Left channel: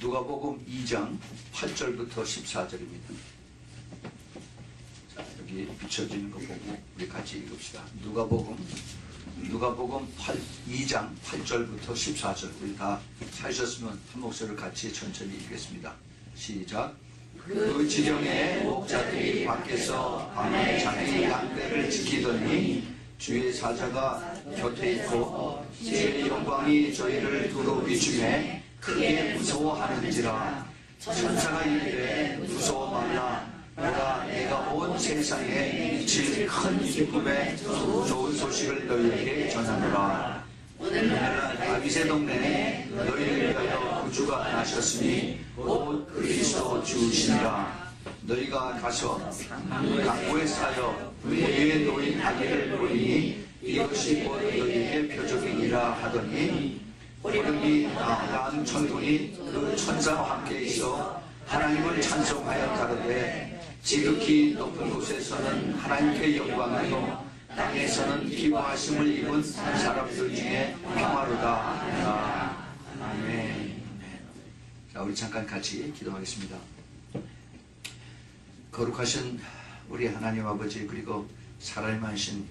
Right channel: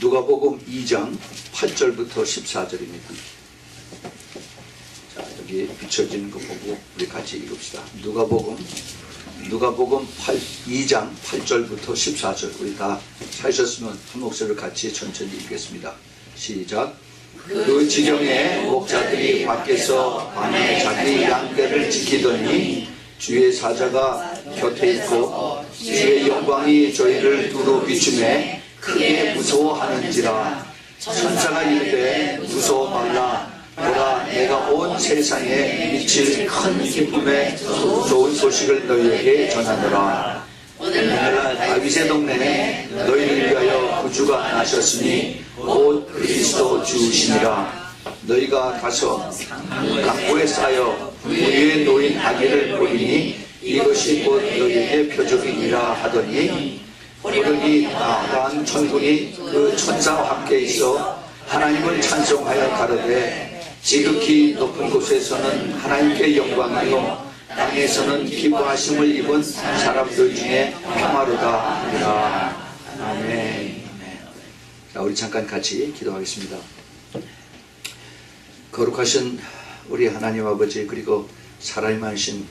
누가복음 2장 8절부터 14절입니다. 자, 여기 비춰지는 거 보고 우리 같이 읽읍시다. 누가복음 2장 8절부터 14절. 우리 다 찾으셨으면 한 목소리로 같이 천천히 읽겠습니다. 시작. 그 지경에 목자들이 밖에서 밤에 자기 양떼를 지키더니 주의 사자가 곁에 있고 주의 영광이 저희를 두루 비추매 크게 무서워하는지라. 천사가 이르되 무서워 말라. 보라, 내가 온 세상에 미칠 큰 기쁨의 좋은 소식을 너희에게 전하노라. 오늘날 다윗의 동네에 너희를 위하여 구주가 나셨으니 곧 그리스도 주시니라. 너희가 가서 강보에 쌓여 우유에 놓인 아기를 보리니 이것이 곧 너희에게 표적이니라 하더니 보더니 난 천군이 그 천사와 함께 있어 하나님을 찬송하여 가로되 지극히 높은 곳에서는 하나님께 영광이요 땅에서는 기뻐하심을 입은 사람들 중에 평화로다 하니라. 아멘. 자, 우리 잠깐 같이 기도하겠습니다. 거룩하신 우리 하나님 아버지, 그리고 살아있으신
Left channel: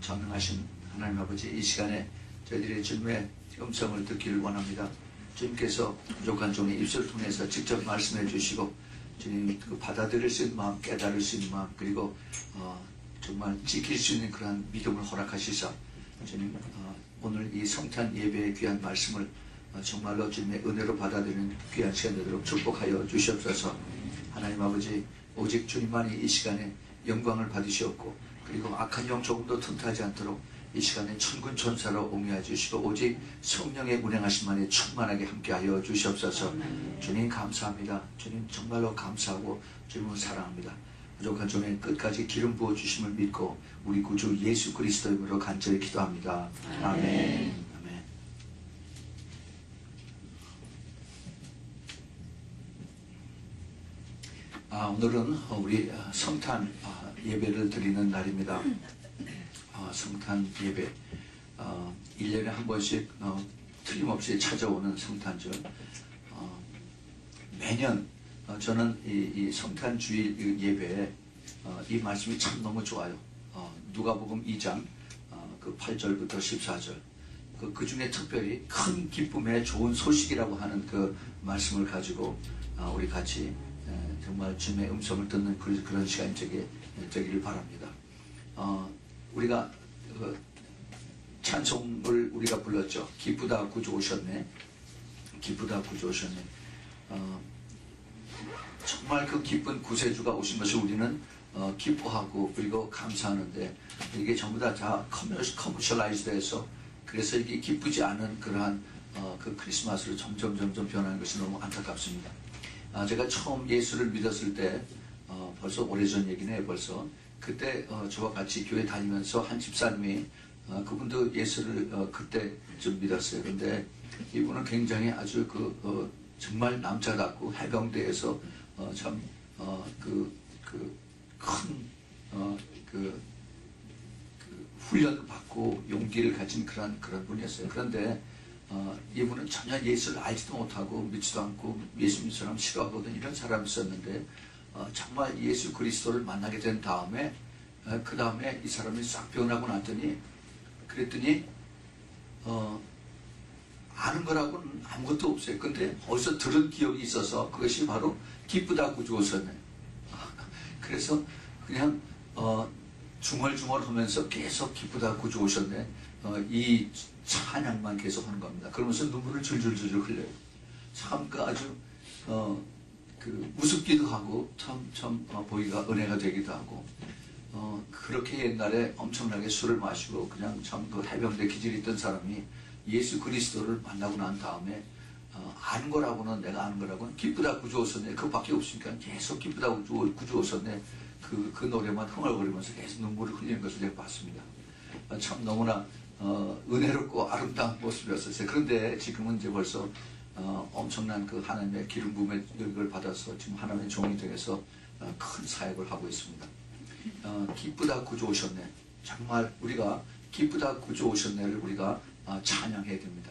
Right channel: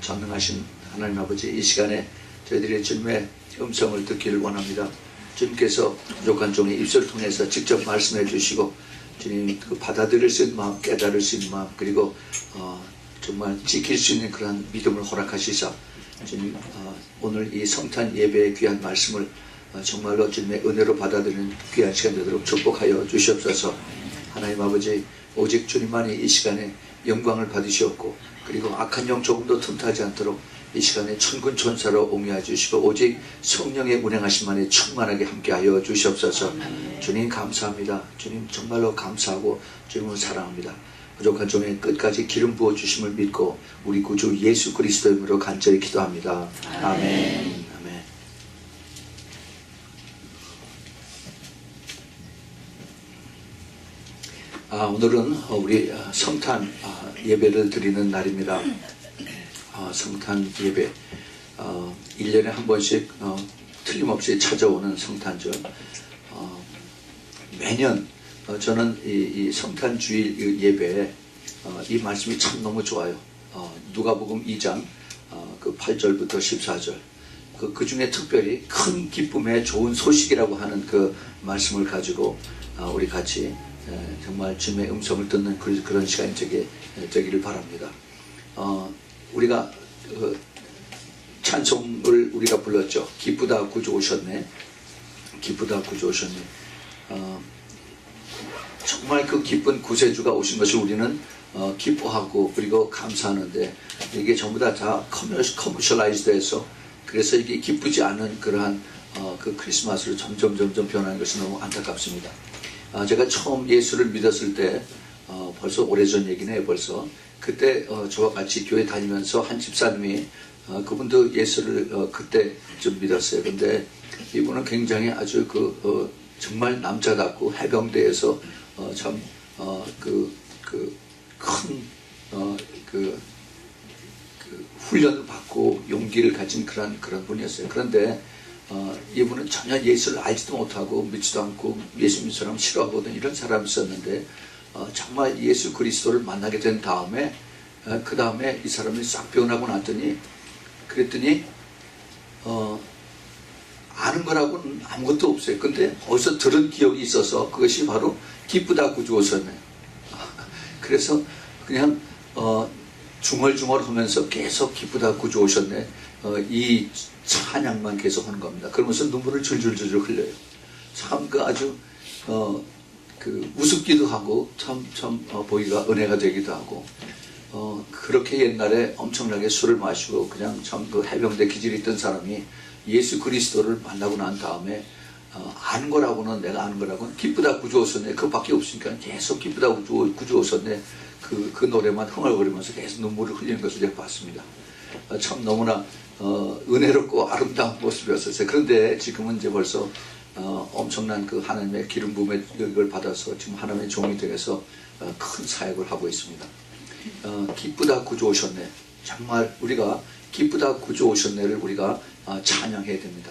전능하신 하나님 아버지, 이 시간에 저희들의 주님의 음성을 듣기를 원합니다. 주님께서 부족한 종의 입술을 통해서 직접 말씀해 주시고 주님 그 받아들일 수 있는 마음, 깨달을 수 있는 마음, 그리고 정말 지킬 수 있는 그런 믿음을 허락하시사 주님 오늘 이 성탄 예배의 귀한 말씀을 정말로 주님의 은혜로 받아들이는 귀한 시간 되도록 축복하여 주시옵소서. 하나님 아버지, 오직 주님만이 이 시간에 영광을 받으시옵고 그리고 악한 영 조금도 틈타지 않도록 이 시간에 천군 천사로 옹이해 주시고 오직 성령의 운행하심만에 충만하게 함께하여 주시옵소서. 주님 감사합니다. 주님 정말로 감사하고 주님을 사랑합니다. 부족한 종의 끝까지 기름 부어 주심을 믿고 우리 구주 예수 그리스도의 이름으로 간절히 기도합니다. 아멘. 아멘. 오늘은 우리 성탄 예배를 드리는 날입니다. 성탄 예배 1년에 한 번씩 틀림없이 찾아오는 성탄절. 매년 저는 이 성탄 주일 예배에 이 말씀이 참 너무 좋아요. 누가복음 2장 그 8절부터 14절 그 중에 특별히 큰 기쁨의 좋은 소식이라고 하는 그 말씀을 가지고 우리 같이 정말 주님의 음성을 듣는 그런 시간이 되기를 바랍니다. 우리가 찬송을 우리가 불렀죠. 기쁘다 구주 오셨네. 기쁘다 구주 오셨네. 정말 그 기쁜 구세주가 오신 것을 우리는 기뻐하고 그리고 감사하는데 이게 전부 다 커머셜라이즈돼서 그래서 이게 기쁘지 않은 그러한 그 크리스마스로 점점 변하는 것이 너무 안타깝습니다. 제가 처음 예수를 믿었을 때 벌써 오래전 얘기네. 벌써 그때 저와 같이 교회 다니면서 한 집사님이 그분도 예수를 그때 좀 믿었어요. 근데 이분은 굉장히 아주 정말 남자답고 해병대에서 참 큰 훈련을 받고 용기를 가진 그런 분이었어요. 그런데 이분은 전혀 예수를 알지도 못하고 믿지도 않고 예수 믿는 사람 싫어하거든. 이런 사람이 있었는데 정말 예수 그리스도를 만나게 된 다음에 그 다음에 이 사람이 싹 변하고 났더니 그랬더니 아는 거라고는 아무것도 없어요. 근데 어디서 들은 기억이 있어서 그것이 바로 기쁘다 구주 오셨네. 그래서 그냥 중얼중얼 하면서 계속 기쁘다 구주 오셨네 이 찬양만 계속 하는 겁니다. 그러면서 눈물을 줄줄줄 흘려요. 참 아주 우습기도 하고 참 보기가 은혜가 되기도 하고 그렇게 옛날에 엄청나게 술을 마시고 그냥 참 해병대 기질이 있던 사람이 예수 그리스도를 만나고 난 다음에 아는 거라고는 내가 아는 거라고는 기쁘다 구주 오셨네 그거밖에 없으니까 계속 기쁘다 구주 오셨네 그 노래만 흥얼거리면서 계속 눈물을 흘리는 것을 제가 봤습니다. 참 너무나 은혜롭고 아름다운 모습이었어요. 그런데 지금은 이제 벌써 엄청난 그 하나님의 기름 부음의 이걸 받아서 지금 하나님의 종이 되어서 큰 사역을 하고 있습니다. 기쁘다 구주 오셨네. 정말 우리가 기쁘다 구주 오셨네를 우리가 찬양해야 됩니다.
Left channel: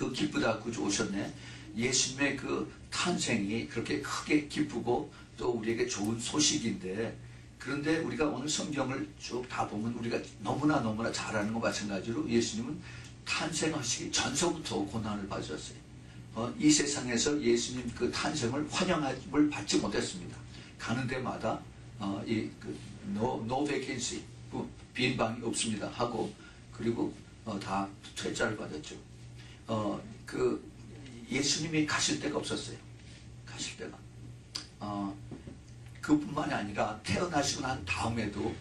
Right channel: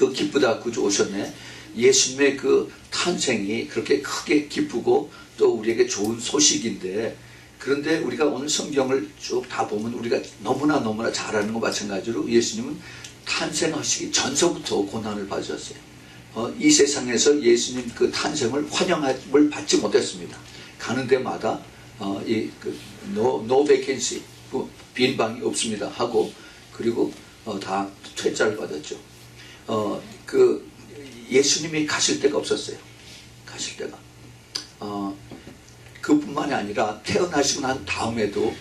그 기쁘다 구주 오셨네. 예수님의 그 탄생이 그렇게 크게 기쁘고 또 우리에게 좋은 소식인데, 그런데 우리가 오늘 성경을 쭉 다 보면 우리가 너무나 잘 아는 것 마찬가지로 예수님은 탄생하시기 전서부터 고난을 받으셨어요. 이 세상에서 예수님 그 탄생을 환영을 받지 못했습니다. 가는 데마다 no vacancy, 빈 방이 없습니다 하고, 그리고 다 퇴짜를 받았죠. 예수님이 가실 데가 없었어요. 가실 데가. 그뿐만이 아니라 태어나시고 난 다음에도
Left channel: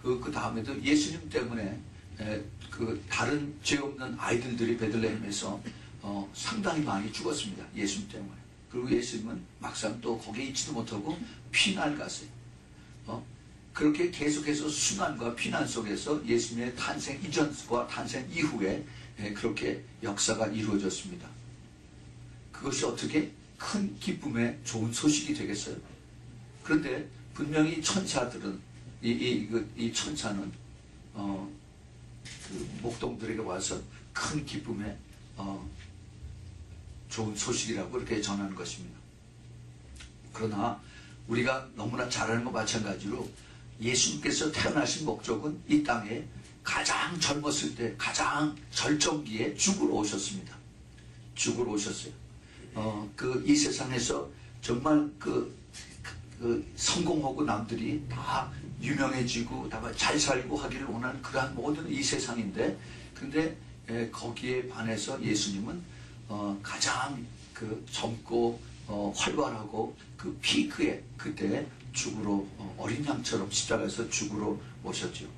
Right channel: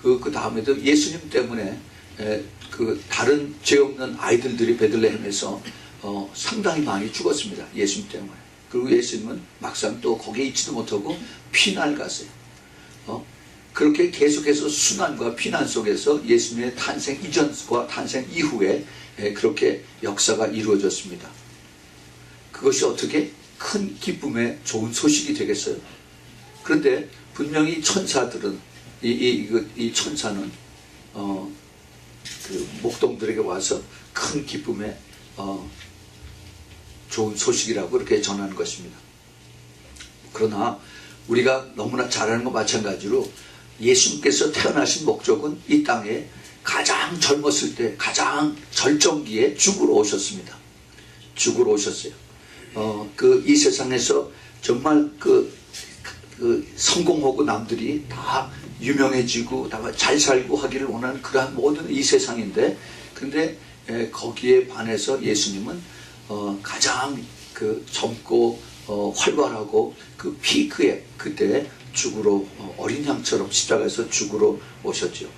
그 다음에도 예수님 때문에 그 다른 죄 없는 아이들들이 베들레헴에서 상당히 많이 죽었습니다. 예수님 때문에. 그리고 예수님은 막상 또 거기에 있지도 못하고 피난을 갔어요. 그렇게 계속해서 순환과 피난 속에서 예수님의 탄생 이전과 탄생 이후에 그렇게 역사가 이루어졌습니다. 그것이 어떻게 큰 기쁨의 좋은 소식이 되겠어요? 그런데 분명히 천사들은 이 천사는 그 목동들에게 와서 큰 기쁨의 좋은 소식이라고 그렇게 전하는 것입니다. 그러나 우리가 너무나 잘 아는 것 마찬가지로 예수님께서 태어나신 목적은 이 땅에 가장 젊었을 때 가장 절정기에 죽으러 오셨습니다. 죽으러 오셨어요. 이 세상에서 정말 그 성공하고 남들이 다 유명해지고 다 잘 살고 하기를 원하는 그러한 모든 이 세상인데, 근데 거기에 반해서 예수님은 가장 그 젊고 활발하고 그 피크에 그때 죽으러 어린 양처럼 십자가에서 죽으러 오셨죠.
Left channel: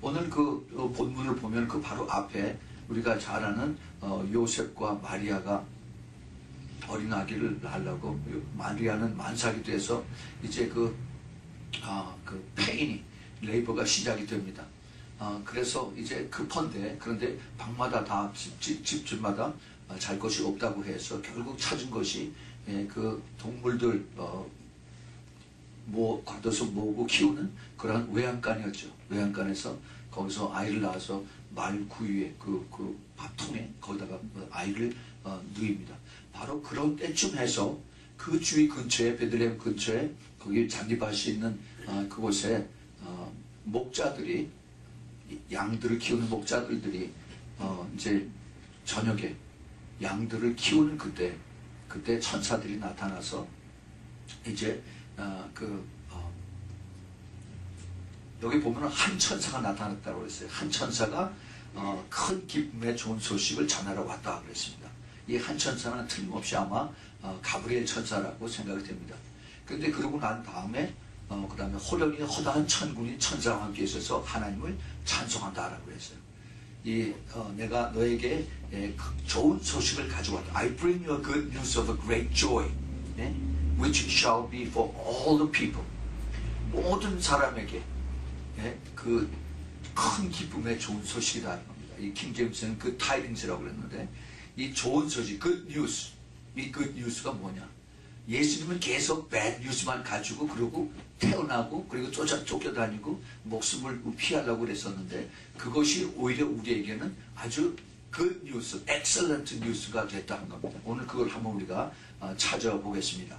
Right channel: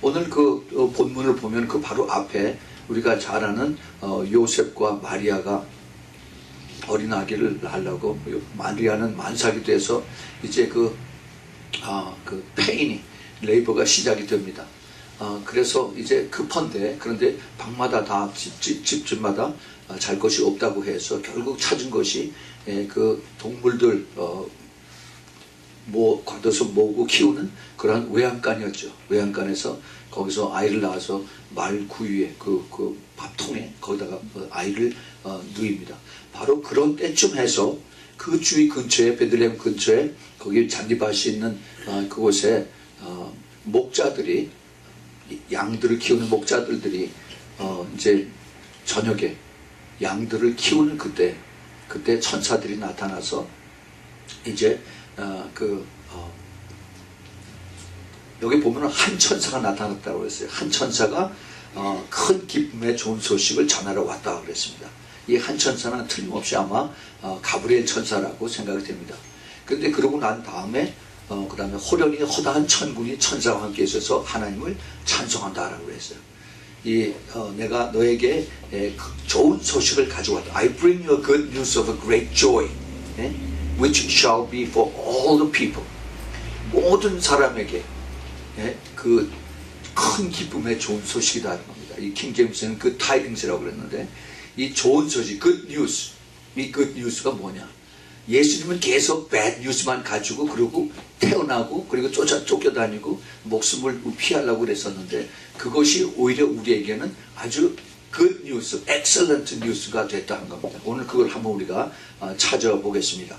오늘 그 본문을 보면 그 바로 앞에 우리가 잘 아는 요셉과 마리아가 어린 아기를 낳으려고, 마리아는 만삭이 돼서 이제 그 페인이 레이버가 시작이 됩니다. 그래서 이제 급한데, 그런데 방마다 다 집집마다 잘 것이 없다고 해서 결국 찾은 것이 그 동물들 걷어서 모으고 키우는 그러한 외양간이었죠. 외양간에서 거기서 아이를 낳아서 말 구유에 그 밥통에 거기다가 아이를 누입니다. 바로 그런 때쯤 해서 그 주위 근처에, 베들레헴 근처에 거기 잔디밭이 있는 그곳에 목자들이, 양들을 키우는 목자들이 이제 저녁에 양들을 키우는 그때 천사들이 나타나서 이제 여기 보면 한 천사가 나타났다고 했어요. 한 천사가 큰 기쁨의 좋은 소식을 전하러 왔다고 그랬습니다. 이 한 천사는 틀림없이 아마 가브리엘 천사라고 생각이 됩니다. 그런데 그러고 난 다음에 그 다음에 호련히 허다한 천군이 천사와 함께 있어서 하나님을 찬송한다라고 했어요. 내가 너에게 좋은 소식을 가져왔다. I bring you a good news of a great joy, which shall be for all the people. 모든 사람에게 그 큰 기쁨의 좋은 소식이다는 겁니다. 이 킹제임스는 그 타이딩스라고 그랬는데, 이 좋은 소식, good news, 이 good news가 뭐냐? 예수님은 계속 bad news만 가지고, 그리고 태어나고, 그리고 쫓겨다니고 목숨을 피하려고 그랬었는데, 그것이 오히려 우리에게는 아주 good news, excellent news가 됐다는 겁니다. 오늘 그걸 한번 우리가 찾아보겠습니다.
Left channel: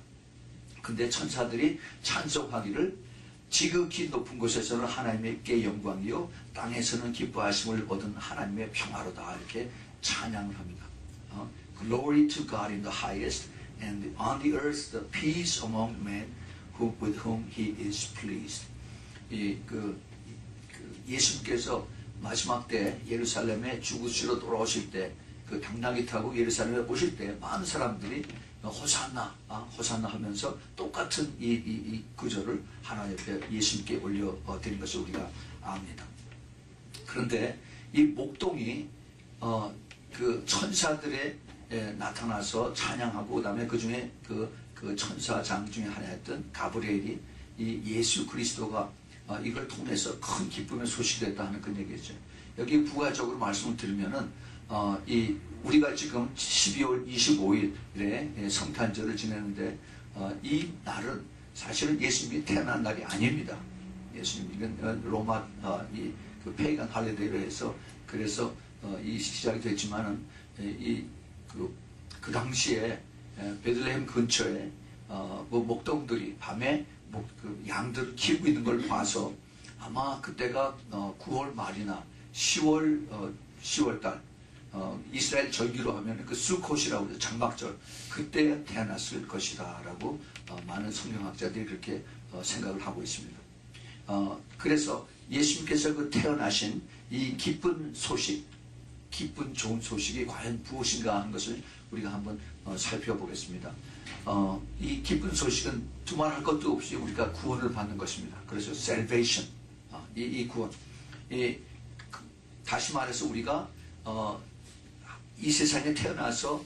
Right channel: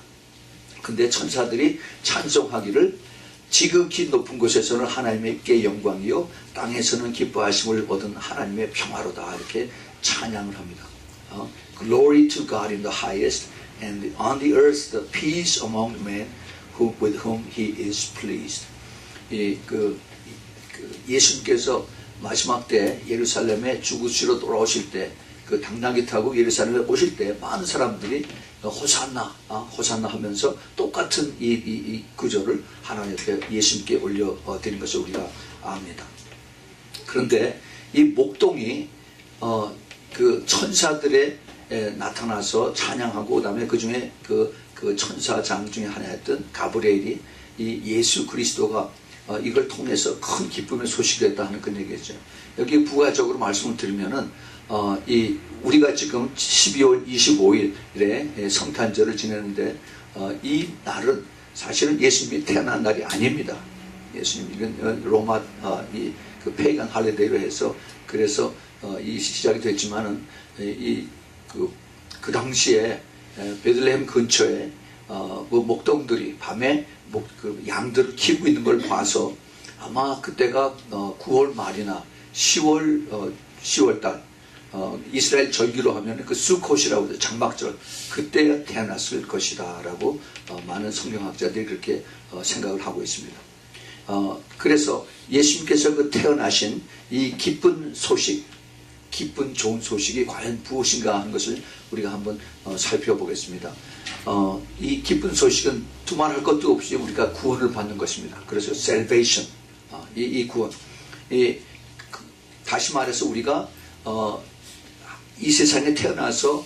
근데 천사들이 찬송하기를 지극히 높은 곳에서는 하나님께 영광이요 땅에서는 기뻐하심을 얻은 하나님의 평화로다, 이렇게 찬양을 합니다. Glory to God in the highest, and on the earth the peace among men with whom He is pleased. 예수님께서 마지막 때 예루살렘에 죽으시러 돌아오실 때, 그 당나귀 타고 예루살렘에 오실 때 많은 사람들이 호산나, 호산나 하면서 똑같은 이 구절을 하나님 앞에 예수님께 올려드린 것을 우리가 압니다. 그런데 이 목동이 그 천사들의 나타나서 찬양하고, 그다음에 그 중에 그 천사장 중에 하나였던 가브리엘이 이 예수 그리스도가 이걸 통해서 큰 기쁨의 소식이 됐다 하는 그런 얘기죠. 여기 부가적으로 말씀을 드리면은 우리가 지금 12월 25일에 성탄절을 지내는데, 이 날은 사실은 예수님이 태어난 날이 아닙니다. 예수님, 이건 로마 그 페이간 할리데이로 해서, 그래서 이 시작이 됐지만은 그 당시에 베들레헴 근처에 목동들이 밤에 그 양들을 키우고 있는 걸 봐서 아마 그때가 9월 말이나 10월 달 이스라엘 절기로 하면 그 수콧이라고 해서 장막절 그때 태어났을 것이다 라고 많은 성경학자들이 그렇게 생각을 하고 있습니다. 그래서 예수님께서 그 태어나신 이 기쁜 소식, 기쁜 좋은 소식이 과연 무엇인가 하는 것을 우리가 한번 살펴보겠습니다. 이 기쁜 소식은 두말할 것도 없이 우리가 구원을 받는 것입니다. 그래서 salvation, 이 구원, 다시 말해서 우리가 이 세상에 태어나서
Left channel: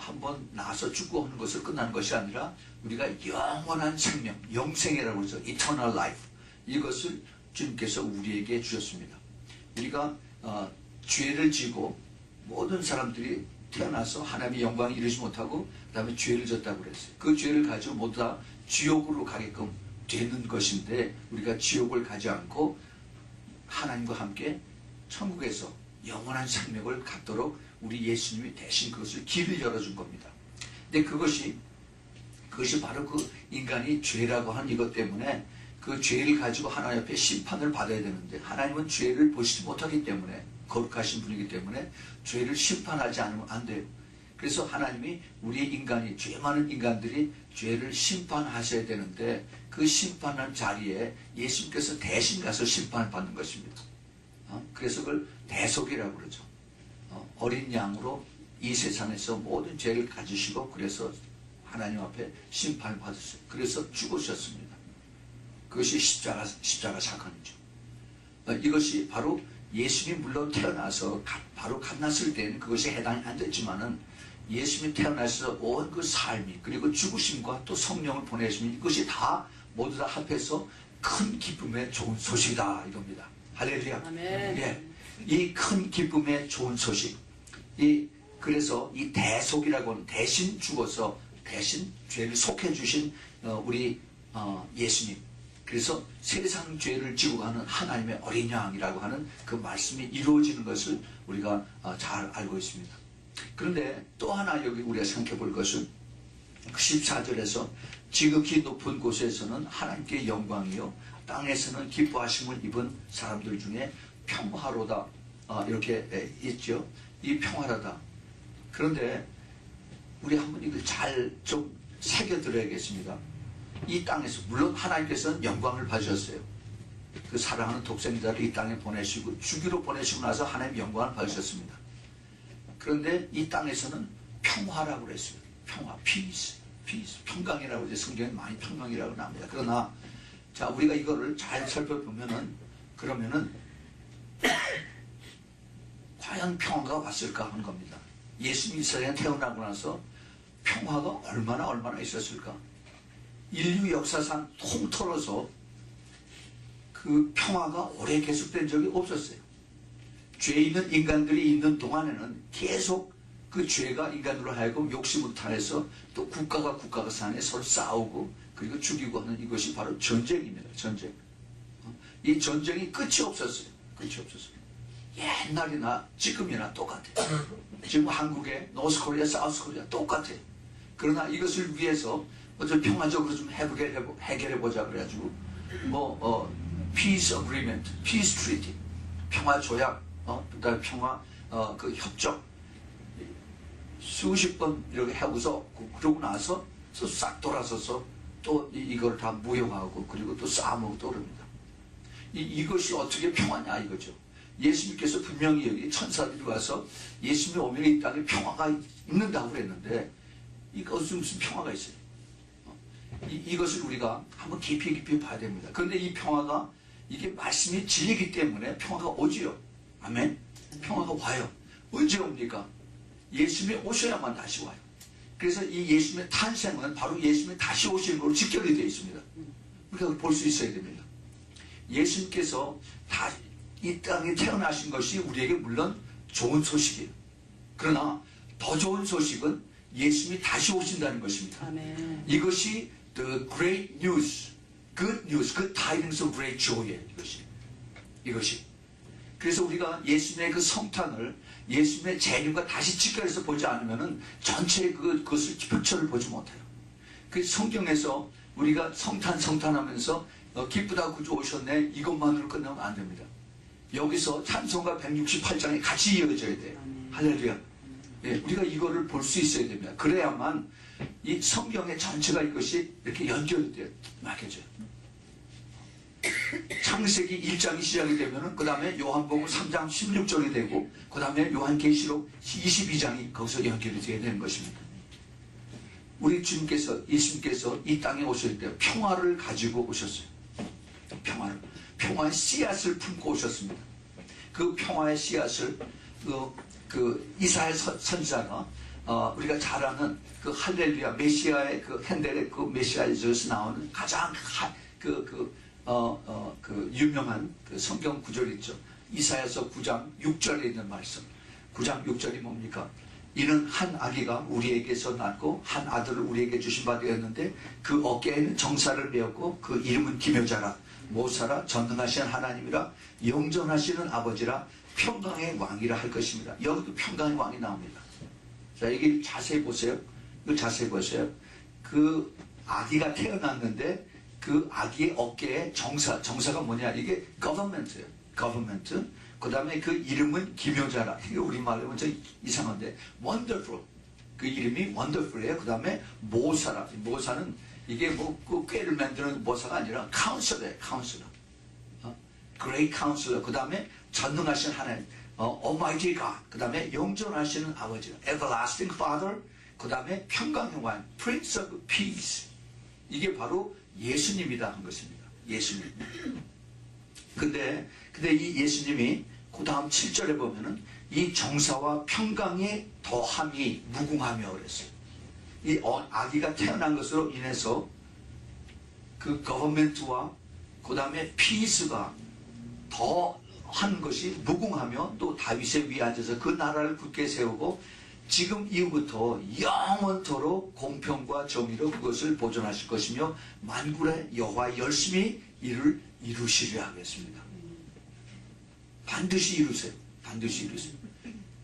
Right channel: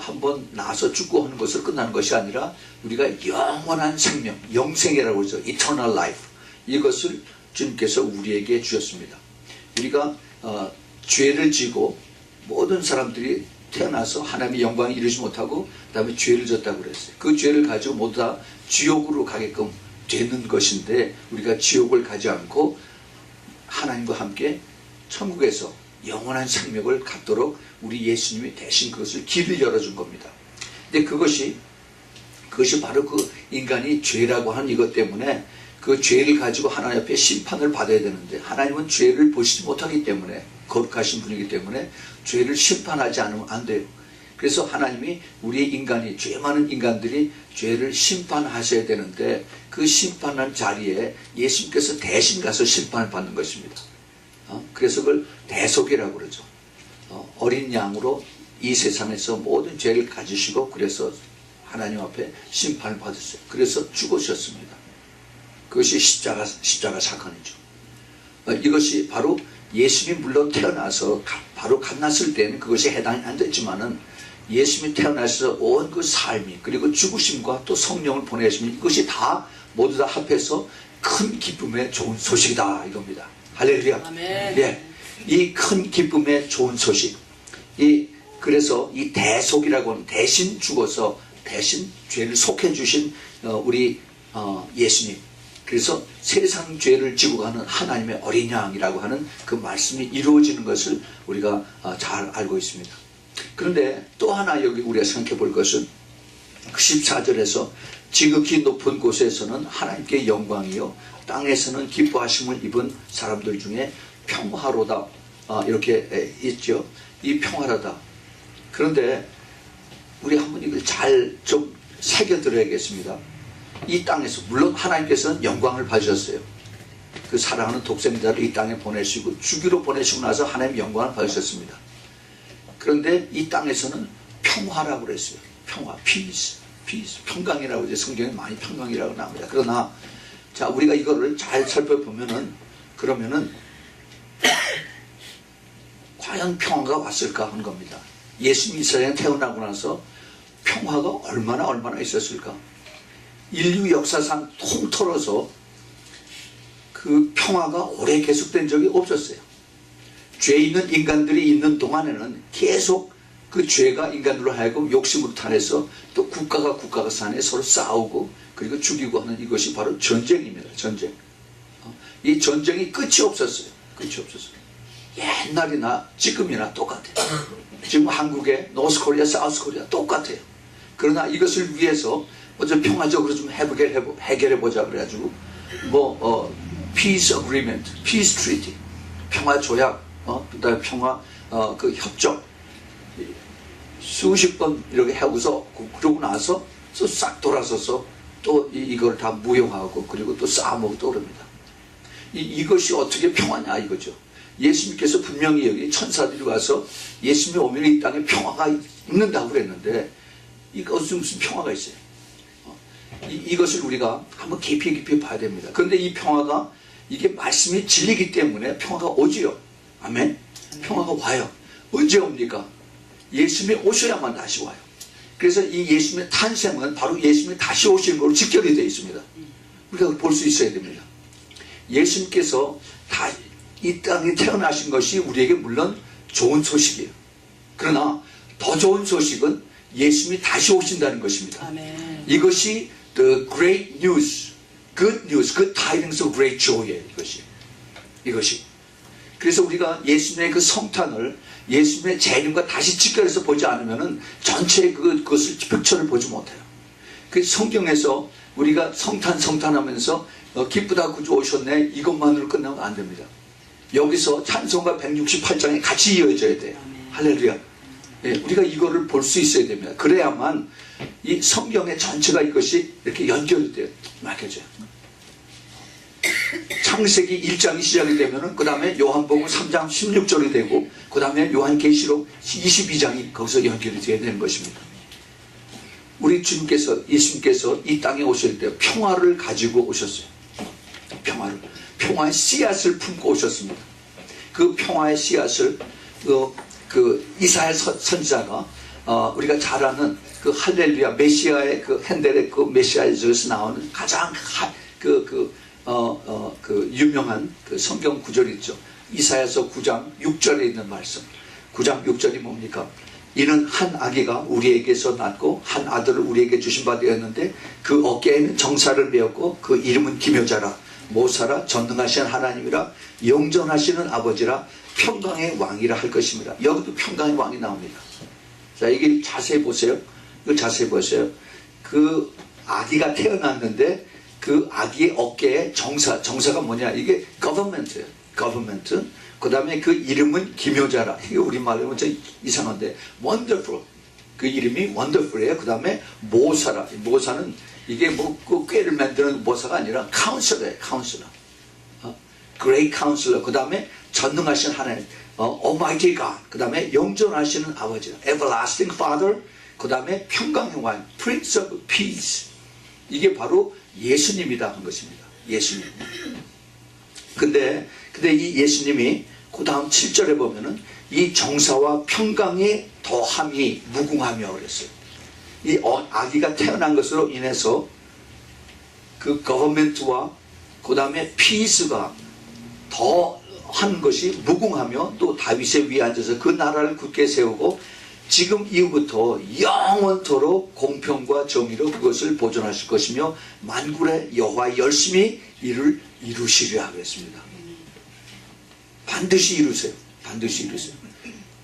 한번 나서 죽고 하는 것으로 끝나는 것이 아니라 우리가 영원한 생명, 영생이라고 그러죠. eternal life. 이것을 주님께서 우리에게 주셨습니다. 우리가 죄를 지고 모든 사람들이 태어나서 하나님의 영광을 이루지 못하고 그 다음에 죄를 졌다고 그랬어요. 그 죄를 가지고 모두 다 지옥으로 가게끔 되는 것인데 우리가 지옥을 가지 않고 하나님과 함께 천국에서 영원한 생명을 갖도록 우리 예수님이 대신 그것을 길을 열어준 겁니다. 근데 그것이 바로 그 인간이 죄라고 하는 이것 때문에 그 죄를 가지고 하나님 앞에 심판을 받아야 되는데 하나님은 죄를 보시지 못하기 때문에 거룩하신 분이기 때문에 죄를 심판하지 않으면 안 돼요. 그래서 하나님이 우리의 인간이 죄 많은 인간들이 죄를 심판하셔야 되는데 그 심판하는 자리에 예수님께서 대신 가서 심판을 받는 것입니다. 그래서 그걸 대속이라고 그러죠. 어린 양으로 이 세상에서 모든 죄를 가지시고 그래서 하나님 앞에 심판을 받으셨어요. 그래서 죽으셨습니다. 그것이 십자가 사건이죠. 이것이 바로 예수님이 물론 태어나서 바로 갓났을 때는 그것이 해당이 안 됐지만은 예수님이 태어나서 온 그 삶이 그리고 죽으심과 또 성령을 보내시면 이것이 다 모두 다 합해서 큰 기쁨의 좋은 소식이다 이겁니다. 할렐루야. 예, 이 큰 기쁨의 좋은 소식. 그래서 이 대속이라고 하는 대신 죽어서 대신 죄를 속해 주신 우리 예수님. 그래서 세상 죄를 지고 가는 하나님의 어린 양이라고 하는 그 말씀이 이루어지는 것을 우리가 잘 알고 있습니다. 그런데 또 하나 여기 우리가 생각해 볼 것은 14절에서 지극히 높은 곳에서는 하나님께 영광이요 땅에서는 기뻐하심을 입은 사람들 중에 평화로다 이렇게 있죠. 이 평화로다. 그런데 우리 한번 이걸 잘 좀 새겨 들어야겠습니다. 이 땅에서 물론 하나님께서는 영광을 받으셨어요. 그 사랑하는 독생자를 이 땅에 보내시고 주기로 보내시고 나서 하나님 영광을 받으셨습니다. 그런데 이 땅에서는 평화라고 그랬어요. 평화, peace, 평강이라고 이제 성경에 많이 평강이라고 나옵니다. 그러나 자 우리가 이거를 잘 살펴보면은 그러면은 과연 평화가 왔을까 하는 겁니다. 예수님이 이 세상에 태어나고 나서 평화가 얼마나 있었을까? 인류 역사상 통틀어서 그 평화가 오래 계속된 적이 없었어요. 죄 있는 인간들이 있는 동안에는 계속 그 죄가 인간들로 하여금 욕심으로 탄해서 또 국가가 산에 서로 싸우고 그리고 죽이고 하는 이것이 바로 전쟁입니다. 전쟁. 이 전쟁이 끝이 없었어요. 옛날이나 지금이나 똑같아요. 지금 한국의 노스코리아, 사우스코리아 똑같아요. 그러나 이것을 위해서 먼저 평화적으로 좀 해결해보자 그래가지고 peace agreement, peace treaty, 평화 조약, 그다음에 평화 그 협정 수십 번 이렇게 하고서 그러고 나서 싹 돌아서서 또 이걸 다 무용하고 그리고 또 싸움하고 또 그럽니다. 이것이 어떻게 평화냐 이거죠. 예수님께서 분명히 여기 천사들이 와서 예수님이 오면 이 땅에 평화가 있는다고 그랬는데 이것은 무슨 평화가 있어요. 이것을 우리가 한번 깊이 봐야 됩니다. 그런데 이 평화가 이게 말씀이 진리이기 때문에 평화가 오지요. 아멘. 평화가 와요. 언제 옵니까? 예수님이 오셔야만 다시 와요. 그래서 이 예수님의 탄생은 바로 예수님이 다시 오시는 걸로 직결이 되어 있습니다. 우리가 볼 수 있어야 됩니다. 예수님께서 이 땅에 태어나신 것이 우리에게 물론 좋은 소식이에요. 그러나 더 좋은 소식은 예수님이 다시 오신다는 것입니다. 아멘. 이것이 the great news, good news, good tidings of great joy예요. 이것이 그래서 우리가 예수님의 그 성탄을 예수님의 재림과 다시 직결해서 보지 않으면은 전체 그것을 픽처를 보지 못해요. 그 성경에서 우리가 성탄하면서 기쁘다 구주 오셨네 이것만으로 끝나면 안 됩니다. 여기서 찬송가 168장에 같이 이어져야 돼요. 할렐루야. 예, 우리가 이거를 볼 수 있어야 됩니다. 그래야만 이 성경의 전체가 이것이 이렇게 연결이 돼요. 막혀져요. 창세기 1장이 시작이 되면은 그 다음에 요한복음 3장 16절이 되고 그 다음에 요한계시록 22장이 거기서 연결이 되어야 되는 것입니다. 우리 주님께서 예수님께서 이 땅에 오실 때 평화를 가지고 오셨어요. 평화의 씨앗을 품고 오셨습니다. 그 평화의 씨앗을 그 이사야 선지자가 우리가 잘 아는 그 할렐루야 메시아의 그 핸델의 그 메시아에서 나오는 가장 그 유명한 그 성경 구절이 있죠. 이사야서 9장 6절에 있는 말씀. 9장 6절이 뭡니까? 이는 한 아기가 우리에게서 낳고 한 아들을 우리에게 주신 바 되었는데 그 어깨에는 정사를 메었고 그 이름은 기묘자라 모사라 전능하신 하나님이라 영존하시는 아버지라 평강의 왕이라 할 것입니다. 여기도 평강의 왕이 나옵니다. 자, 이게 자세히 보세요. 이거 자세히 보세요. 그 아기가 태어났는데 그 아기의 어깨에 정사가 뭐냐? 이게 government예요. government. 그 다음에 그 이름은 기묘자라. 이게 우리말로 좀 이상한데 wonderful. 그 이름이 wonderful이에요. 그 다음에 모사라. 모사는 이게 뭐 그 꾀를 만드는 모사가 아니라 counselor예요. counselor. great counselor. 그 다음에 전능하신 하나님. almighty God. 그 다음에 영존하시는 아버지. everlasting father. 그 다음에 평강의 왕. prince of peace. 이게 바로 예수님이다 한 것입니다. 예수님. 근데 이 예수님이 그 다음 7절에 보면은 이 정사와 평강의 더함이 무궁하며 그랬어요. 이 아기가 태어난 것으로 인해서 그 거버멘트와 그 다음에 피스가 더 한 것이 무궁하며 또 다윗의 위에 앉아서 그 나라를 굳게 세우고 지금 이후부터 영원토록 공평과 정의로 그것을 보존하실 것이며 만군의 여호와 열심히 이를 이루시리라 그랬습니다. 반드시 이루세요. 반드시 이루세요.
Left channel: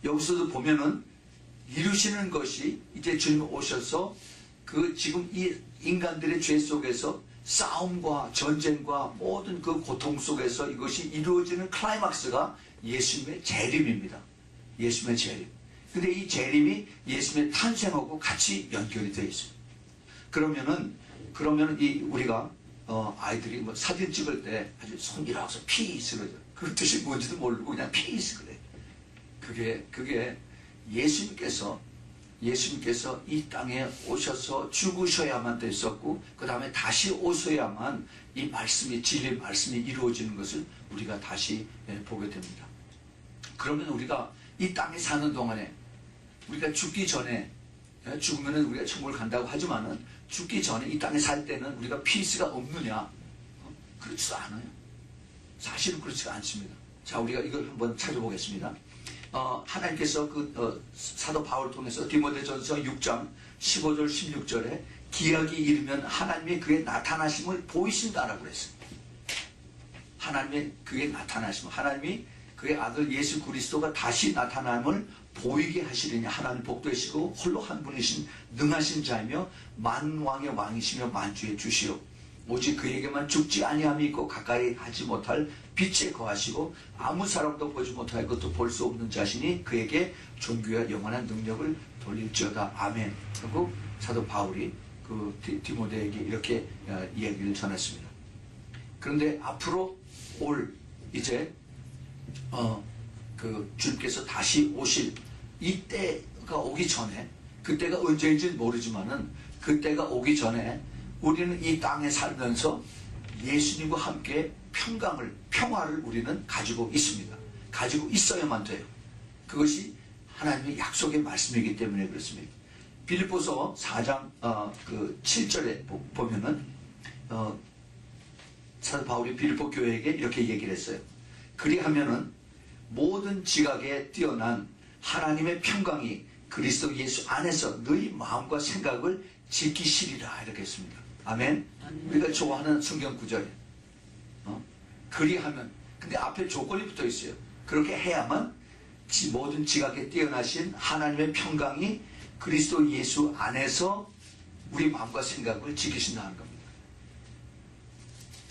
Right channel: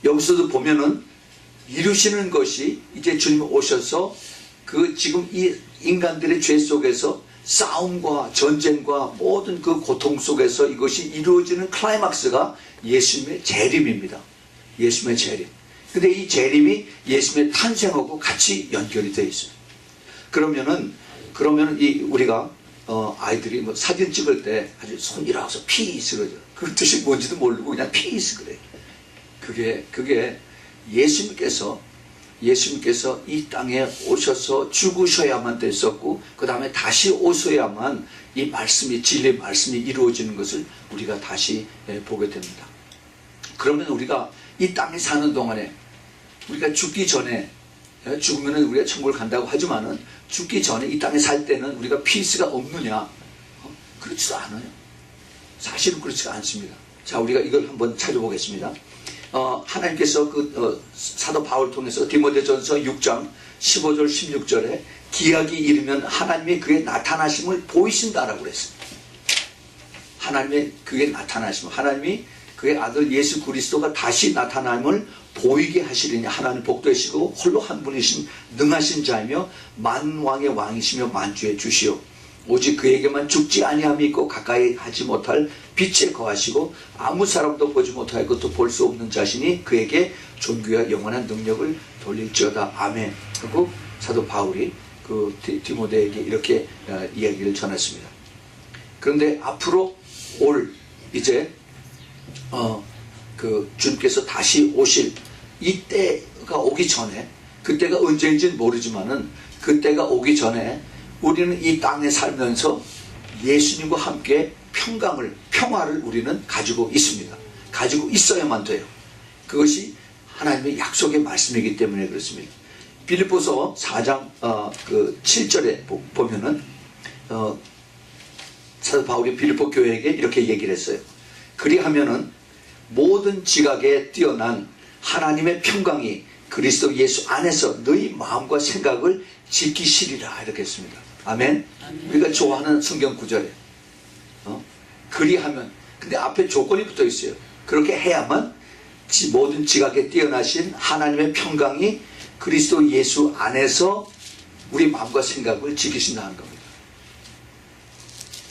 여기서도 보면은 이루시는 것이 이제 주님 오셔서 그 지금 이 인간들의 죄 속에서 싸움과 전쟁과 모든 그 고통 속에서 이것이 이루어지는 클라이막스가 예수님의 재림입니다. 예수님의 재림. 근데 이 재림이 예수님의 탄생하고 같이 연결이 되어 있어요. 그러면은 이 우리가 아이들이 뭐 사진 찍을 때 아주 손이라고 해서 피스 그러죠. 그 뜻이 뭔지도 모르고 그냥 피스 그래. 그게 예수님께서 이 땅에 오셔서 죽으셔야만 됐었고 그 다음에 다시 오셔야만 이 말씀이 진리의 말씀이 이루어지는 것을 우리가 다시 보게 됩니다. 그러면 우리가 이 땅에 사는 동안에 우리가 죽기 전에 죽으면 우리가 천국을 간다고 하지만은 죽기 전에 이 땅에 살 때는 우리가 피스가 없느냐? 그렇지도 않아요. 사실은 그렇지가 않습니다. 자, 우리가 이걸 한번 찾아보겠습니다. 하나님께서 사도 바울을 통해서 디모데전서 6장 15절 16절에 기약이 이르면 하나님이 그의 나타나심을 보이신다라고 그랬습니다. 하나님의 그의 나타나심, 하나님이 그의 아들 예수 그리스도가 다시 나타남을 보이게 하시리니 하나님 복되시고 홀로 한 분이신 능하신 자이며 만왕의 왕이시며 만주의 주시오. 오직 그에게만 죽지 아니함이 있고 가까이 하지 못할 빛에 거하시고 아무 사람도 보지 못할 것도 볼 수 없는 자신이 그에게 존귀와 영원한 능력을 돌릴지어다. 아멘. 하고 사도 바울이 그 디모데에게 이렇게 이야기를 전했습니다. 그런데 앞으로 올 이제 그 주님께서 다시 오실 이때가 오기 전에, 그때가 언제인지는 모르지만은 그때가 오기 전에 우리는 이 땅에 살면서 예수님과 함께 평화를 우리는 가지고 있습니다. 가지고 있어야만 돼요. 그것이 하나님의 약속의 말씀이기 때문에 그렇습니다. 빌립보서 4장 7절에 보면은 사도 바울이 빌립보 교회에게 이렇게 얘기를 했어요. 그리하면은 모든 지각에 뛰어난 하나님의 평강이 그리스도 예수 안에서 너희 마음과 생각을 지키시리라 이렇게 했습니다. 아멘. 우리가 좋아하는 성경 구절이에요. 그리하면, 근데 앞에 조건이 붙어 있어요. 그렇게 해야만 모든 지각에 뛰어나신 하나님의 평강이 그리스도 예수 안에서 우리 마음과 생각을 지키신다는 겁니다.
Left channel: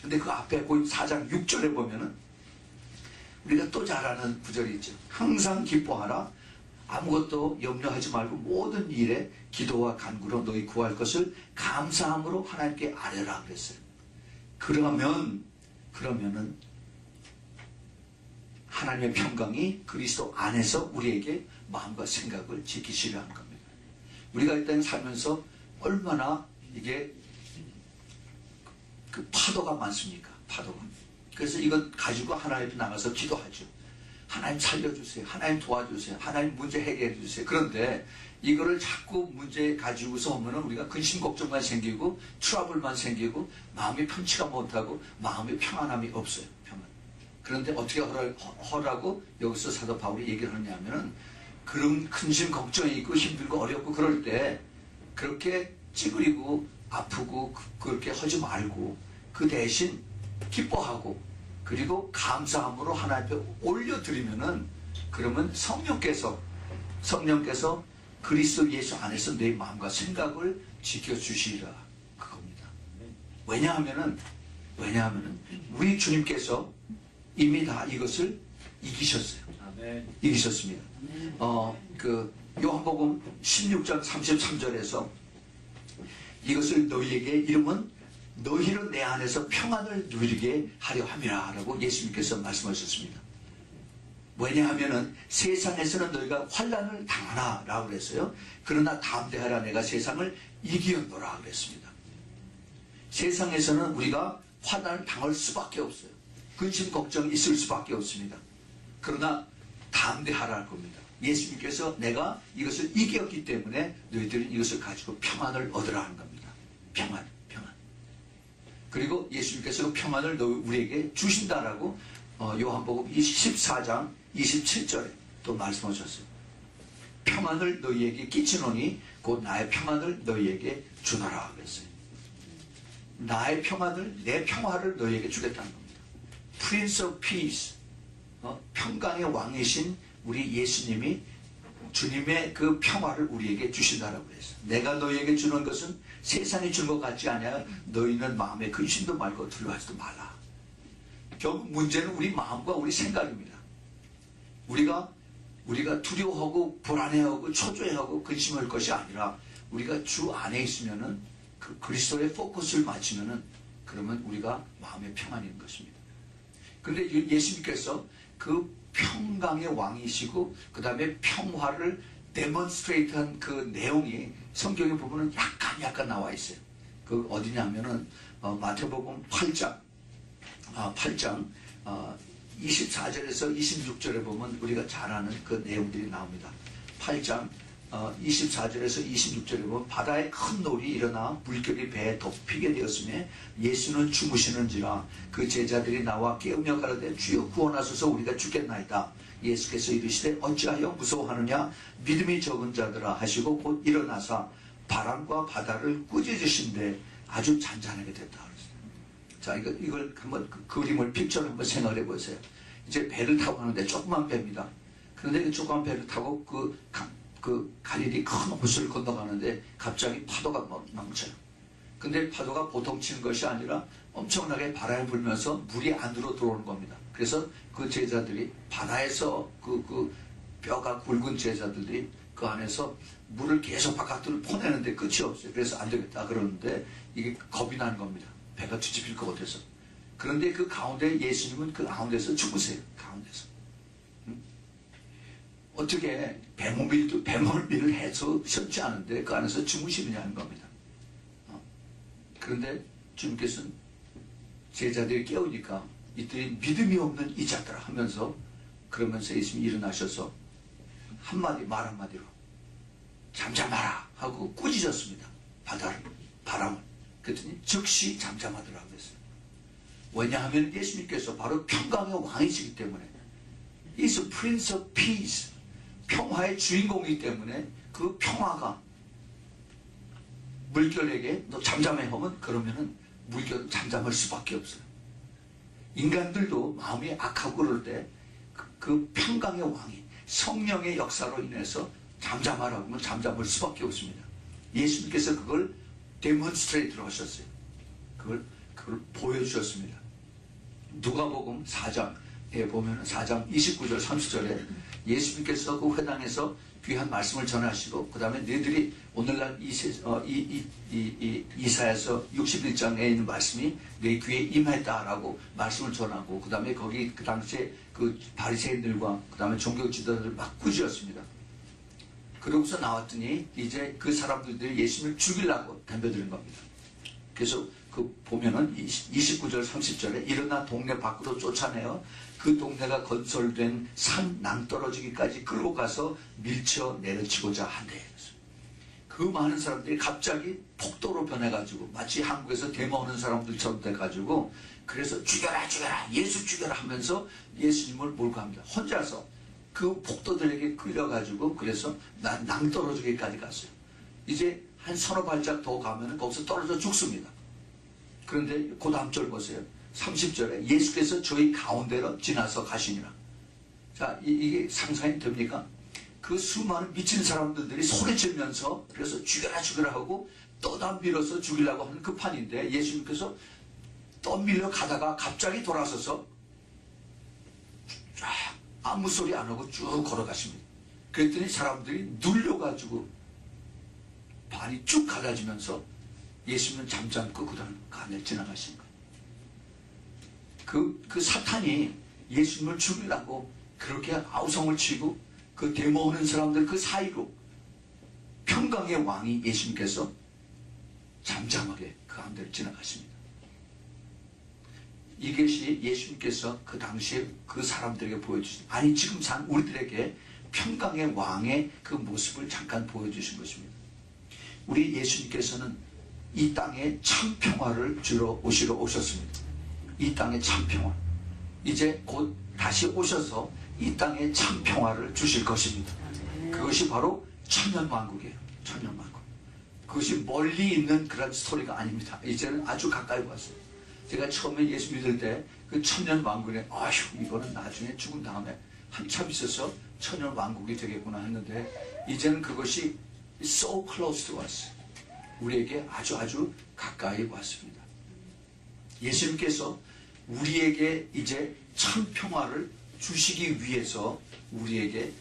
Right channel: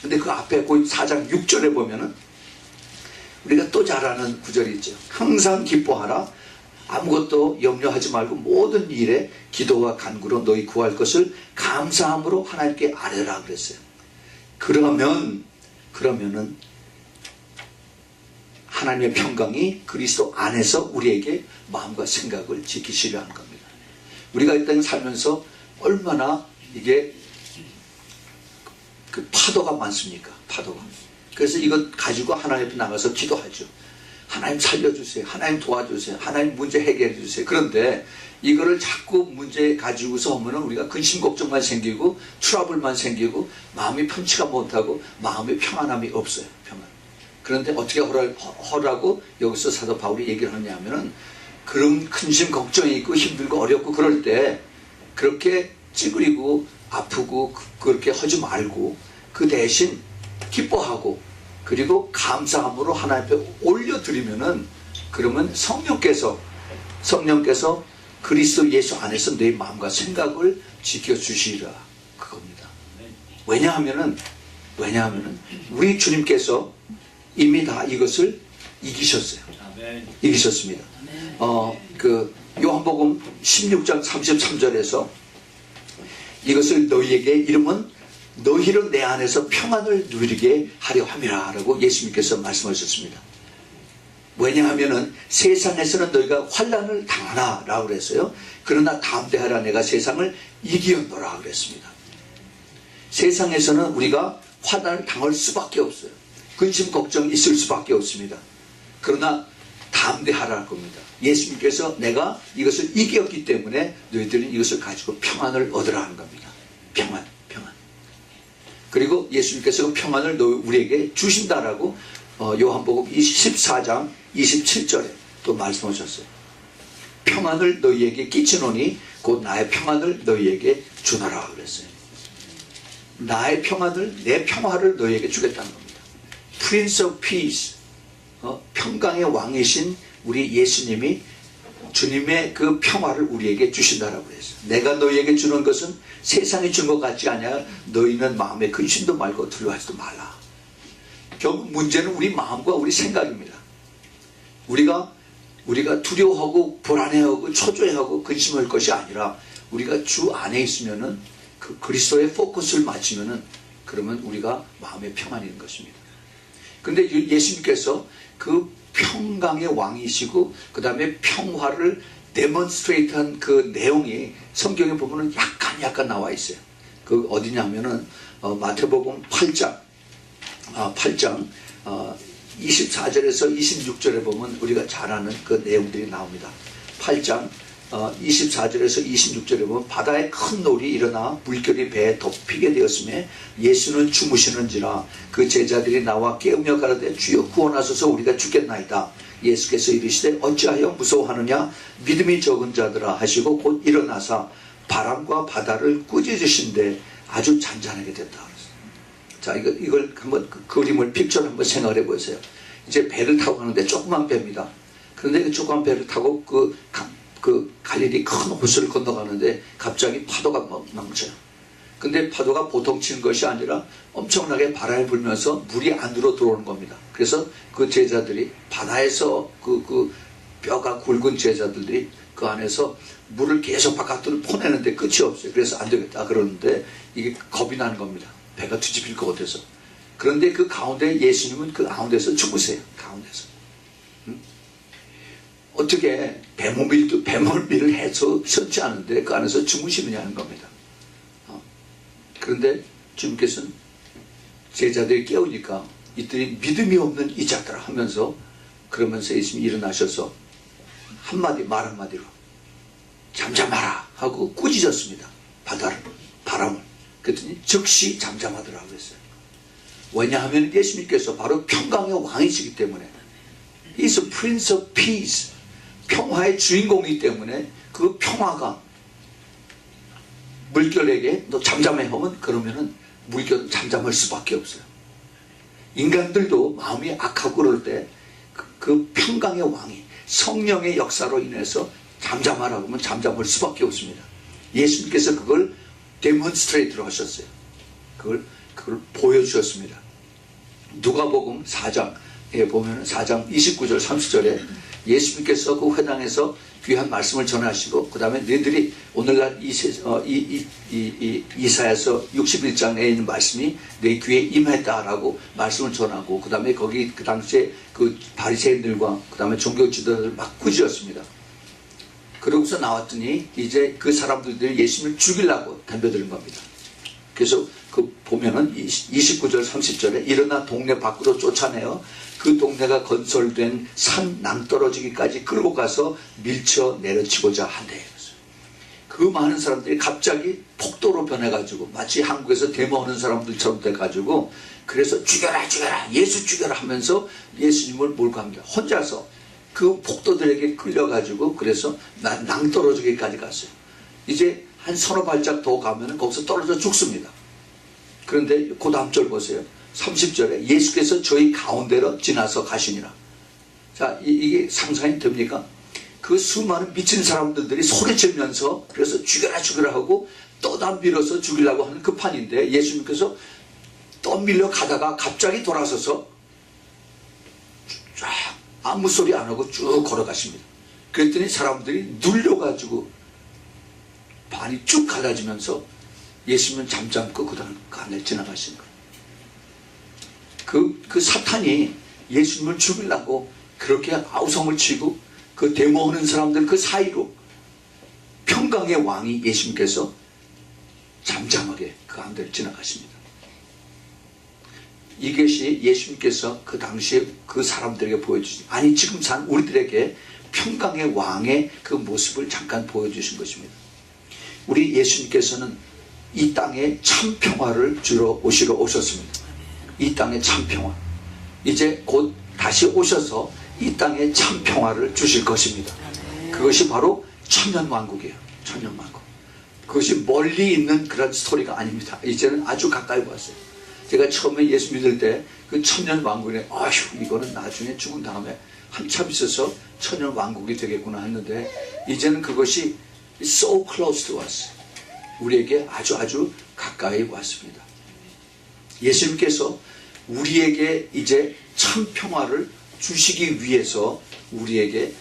근데 그 앞에 그 4장 6절에 보면은 우리가 또 잘 아는 구절이 있죠. 항상 기뻐하라. 아무것도 염려하지 말고 모든 일에 기도와 간구로 너희 구할 것을 감사함으로 하나님께 아뢰라 그랬어요. 그러면은 하나님의 평강이 그리스도 안에서 우리에게 마음과 생각을 지키시려 하는 겁니다. 우리가 이 땅에 살면서 얼마나 이게 그 파도가 많습니까? 파도가. 그래서 이것 가지고 하나님 앞에 나가서 기도하죠. 하나님 살려주세요. 하나님 도와주세요. 하나님 문제 해결해 주세요. 그런데 이거를 자꾸 문제 가지고서 오면은 우리가 근심 걱정만 생기고 트러블만 생기고 마음이 편치가 못하고 마음의 평안함이 없어요. 평안. 그런데 어떻게 하라고 여기서 사도 바울이 얘기를 하냐 하면은 그런 근심 걱정이 있고 힘들고 어렵고 그럴 때 그렇게 찌그리고 아프고 그렇게 하지 말고 그 대신 기뻐하고 그리고 감사함으로 하나님 앞에 올려드리면은 그러면 성령께서 그리스도 예수 안에서 내 마음과 생각을 지켜주시리라 그겁니다. 왜냐하면은 우리 주님께서 이미 다 이것을 이기셨어요. 이기셨습니다. 그 요한복음 16장 33절에서 이것을 너희에게 이름은 너희로 내 안에서 평안을 누리게 하려 함이라 라고 예수님께서 말씀하셨습니다. 왜냐하면은 세상에서는 너희가 환난을 당하나 라고 그랬어요. 그러나 담대하라 내가 세상을 이기었노라 그랬습니다. 세상에서는 우리가 환난을 당할 수밖에 없어요. 근심 걱정이 있을 수밖에 없습니다. 그러나 담대하라는 겁니다. 예수님께서 내가 이것을 이겼기 때문에 너희들은 이것을 가지고 평안을 얻으라 하는 겁니다. 평안. 그리고 예수님께서 그 평안을 우리에게 주신다라고 요한복음 14장 27절에 또 말씀하셨어요. 평안을 너희에게 끼치노니 곧 나의 평안을 너희에게 주노라 그랬어요. 나의 평안을, 내 평화를 너희에게 주겠다는 겁니다. Prince of Peace, 평강의 왕이신 우리 예수님이 주님의 그 평화를 우리에게 주신다라고 했어요. 내가 너희에게 주는 것은 세상이 준 것 같지 않냐. 너희는 마음에 근심도 말고 두려워하지도 말라. 결국 문제는 우리 마음과 우리 생각입니다. 우리가 두려워하고 불안해하고 초조해하고 근심할 것이 아니라 우리가 주 안에 있으면은 그 그리스도의 포커스를 맞추면은 그러면 우리가 마음의 평안이 있는 것입니다. 근데 예수님께서 그 평강의 왕이시고 그 다음에 평화를 데몬스트레이트한 그 내용이 성경에 보면은 약간 나와 있어요. 그 어디냐 하면은 마태복음 8장 24절에서 26절에 보면 우리가 잘 아는 그 내용들이 나옵니다. 8장 24절에서 26절에 보면 바다에 큰 놀이 일어나 물결이 배에 덮이게 되었으며 예수는 주무시는지라 그 제자들이 나와 깨우며 가라되 주여 구원하소서 우리가 죽겠나이다. 예수께서 이르시되 어찌하여 무서워하느냐 믿음이 적은 자들아 하시고 곧 일어나사 바람과 바다를 꾸짖으신데 아주 잔잔하게 됐다. 자, 이걸 한번 그 그림을 픽처를 한번 생각해 보세요. 이제 배를 타고 가는데 조그만 배입니다. 그런데 그 조그만 배를 타고 그 갈릴리 큰 호수를 건너가는데 갑자기 파도가 넘쳐요. 근데 파도가 보통 치는 것이 아니라 엄청나게 바람이 불면서 물이 안으로 들어오는 겁니다. 그래서 그 제자들이 바다에서 그 뼈가 굵은 제자들이 그 안에서 물을 계속 바깥으로 퍼내는데 끝이 없어요. 그래서 안 되겠다 그러는데 이게 겁이 나는 겁니다. 배가 뒤집힐 것 같아서. 그런데 그 가운데 예수님은 그 가운데서 주무세요. 가운데서. 어떻게 배멀미를 해서 쉬지 않은데 그 안에서 주무시느냐는 겁니다. 그런데 주님께서는 제자들이 깨우니까 이들이 믿음이 없는 이 자들아 하면서 그러면서 예수님이 일어나셔서 말 한마디로 잠잠하라 하고 꾸짖었습니다. 바람을. 그랬더니 즉시 잠잠하더라고 그랬어요. 왜냐하면 예수님께서 바로 평강의 왕이시기 때문에 He's a Prince of Peace. 평화의 주인공이기 때문에 그 평화가 물결에게 너 잠잠해 하면 그러면은 물결은 잠잠할 수밖에 없어요. 인간들도 마음이 악하고 그럴 때 그 평강의 왕이 성령의 역사로 인해서 잠잠하라고 하면 잠잠할 수밖에 없습니다. 예수님께서 그걸 데몬스트레이트로 하셨어요. 그걸 보여주셨습니다. 누가복음 4장에 보면 4장 29절 30절에 예수님께서 그 회당에서 귀한 말씀을 전하시고 그 다음에 너희들이 오늘날 이사야서 61장에 있는 말씀이 내 귀에 임했다라고 말씀을 전하고 그 다음에 거기 그 당시에 그 바리새인들과 그 다음에 종교 지도자들 막 꾸짖었습니다. 그러고서 나왔더니 이제 그 사람들이 예수님을 죽이려고 덤벼드는 겁니다. 그래서 그 보면은 29절 30절에 일어나 동네 밖으로 쫓아내어 그 동네가 건설된 산 낭떠러지기까지 끌고 가서 밀쳐 내려치고자 한대. 그 많은 사람들이 갑자기 폭도로 변해가지고 마치 한국에서 데모하는 사람들처럼 돼가지고 그래서 죽여라 죽여라 예수 죽여라 하면서 예수님을 몰고 갑니다. 혼자서 그 폭도들에게 끌려가지고 그래서 낭떠러지기까지 갔어요. 이제 한 서너 발짝 더 가면은 거기서 떨어져 죽습니다. 그런데 그 다음 절 보세요. 30절에 예수께서 저희 가운데로 지나서 가시니라. 자, 이게 상상이 됩니까? 그 수많은 미친 사람들이 소리치면서 그래서 죽여라 죽여라 하고 떠다 밀어서 죽이려고 하는 그 판인데 예수님께서 떠밀려 가다가 갑자기 돌아서서 쫙 아무 소리 안 하고 쭉 걸어가십니다. 그랬더니 사람들이 눌려가지고 반이 쭉 갈라지면서 예수님은 잠잠고 그 다음 간을 지나가신 거예요. 그 사탄이 예수님을 죽이려고 그렇게 아우성을 치고 그 데모하는 사람들 그 사이로 평강의 왕이 예수님께서 잠잠하게 그 가운데를 지나가십니다. 이것이 예수님께서 그 당시에 그 사람들에게 보여주신, 아니 지금 산 우리들에게 평강의 왕의 그 모습을 잠깐 보여주신 것입니다. 우리 예수님께서는 이 땅에 참 평화를 주러 오시러 오셨습니다. 이 땅에 참 평화. 이제 곧 다시 오셔서 이 땅에 참 평화를 주실 것입니다. 그것이 바로 천년왕국이에요. 천년왕국. 그것이 멀리 있는 그런 스토리가 아닙니다. 이제는 아주 가까이 왔어요. 제가 처음에 예수 믿을 때 그 천년왕국에 아휴 이거는 나중에 죽은 다음에 한참 있어서 천년왕국이 되겠구나 했는데 이제는 그것이 so close to us. 우리에게 아주 가까이 왔습니다. 예수님께서 우리에게 이제 참 평화를 주시기 위해서 우리에게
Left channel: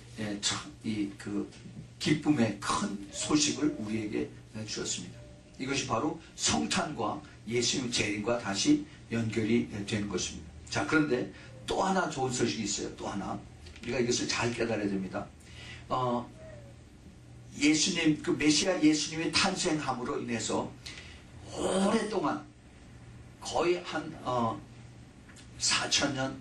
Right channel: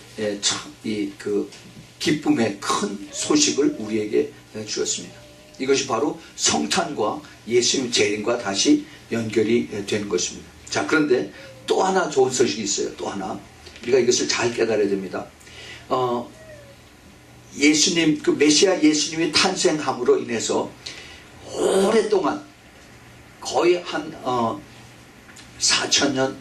그 기쁨의 큰 소식을 우리에게 주었습니다. 이것이 바로 성탄과 예수님 재림과 다시 연결이 되는 것입니다. 자, 그런데 또 하나 좋은 소식이 있어요. 또 하나. 우리가 이것을 잘 깨달아야 됩니다. 예수님, 그 메시아 예수님이 탄생함으로 인해서 오랫동안 거의 한 4,000년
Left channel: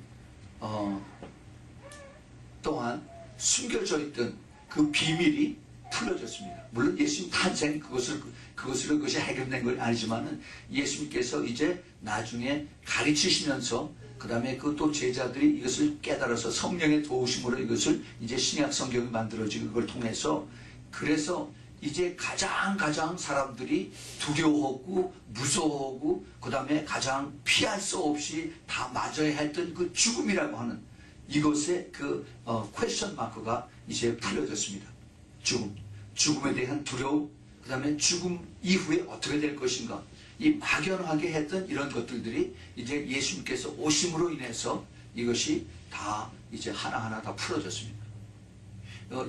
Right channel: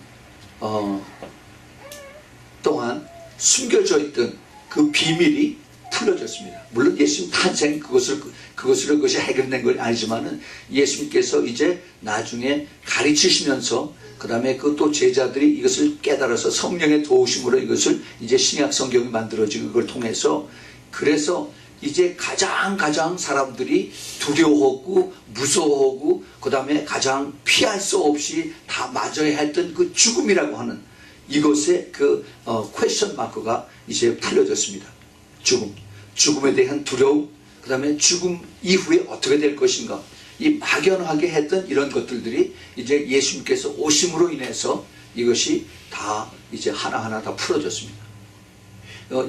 동안 숨겨져 있던 그 비밀이 풀려졌습니다. 물론 예수님 탄생 그것이 해결된 건 아니지만은 예수님께서 이제 나중에 가르치시면서 그 다음에 그 또 제자들이 이것을 깨달아서 성령의 도우심으로 이것을 이제 신약 성경이 만들어지고 그걸 통해서 그래서 이제 가장 사람들이 두려워하고 무서워하고 그 다음에 가장 피할 수 없이 다 맞아야 했던 그 죽음이라고 하는 이것의 그 퀘스천 마크가 이제 풀려졌습니다. 죽음에 대한 두려움, 그 다음에 죽음 이후에 어떻게 될 것인가, 이 막연하게 했던 이런 것들이 이제 예수님께서 오심으로 인해서 이것이 다 이제 하나하나 다 풀어졌습니다.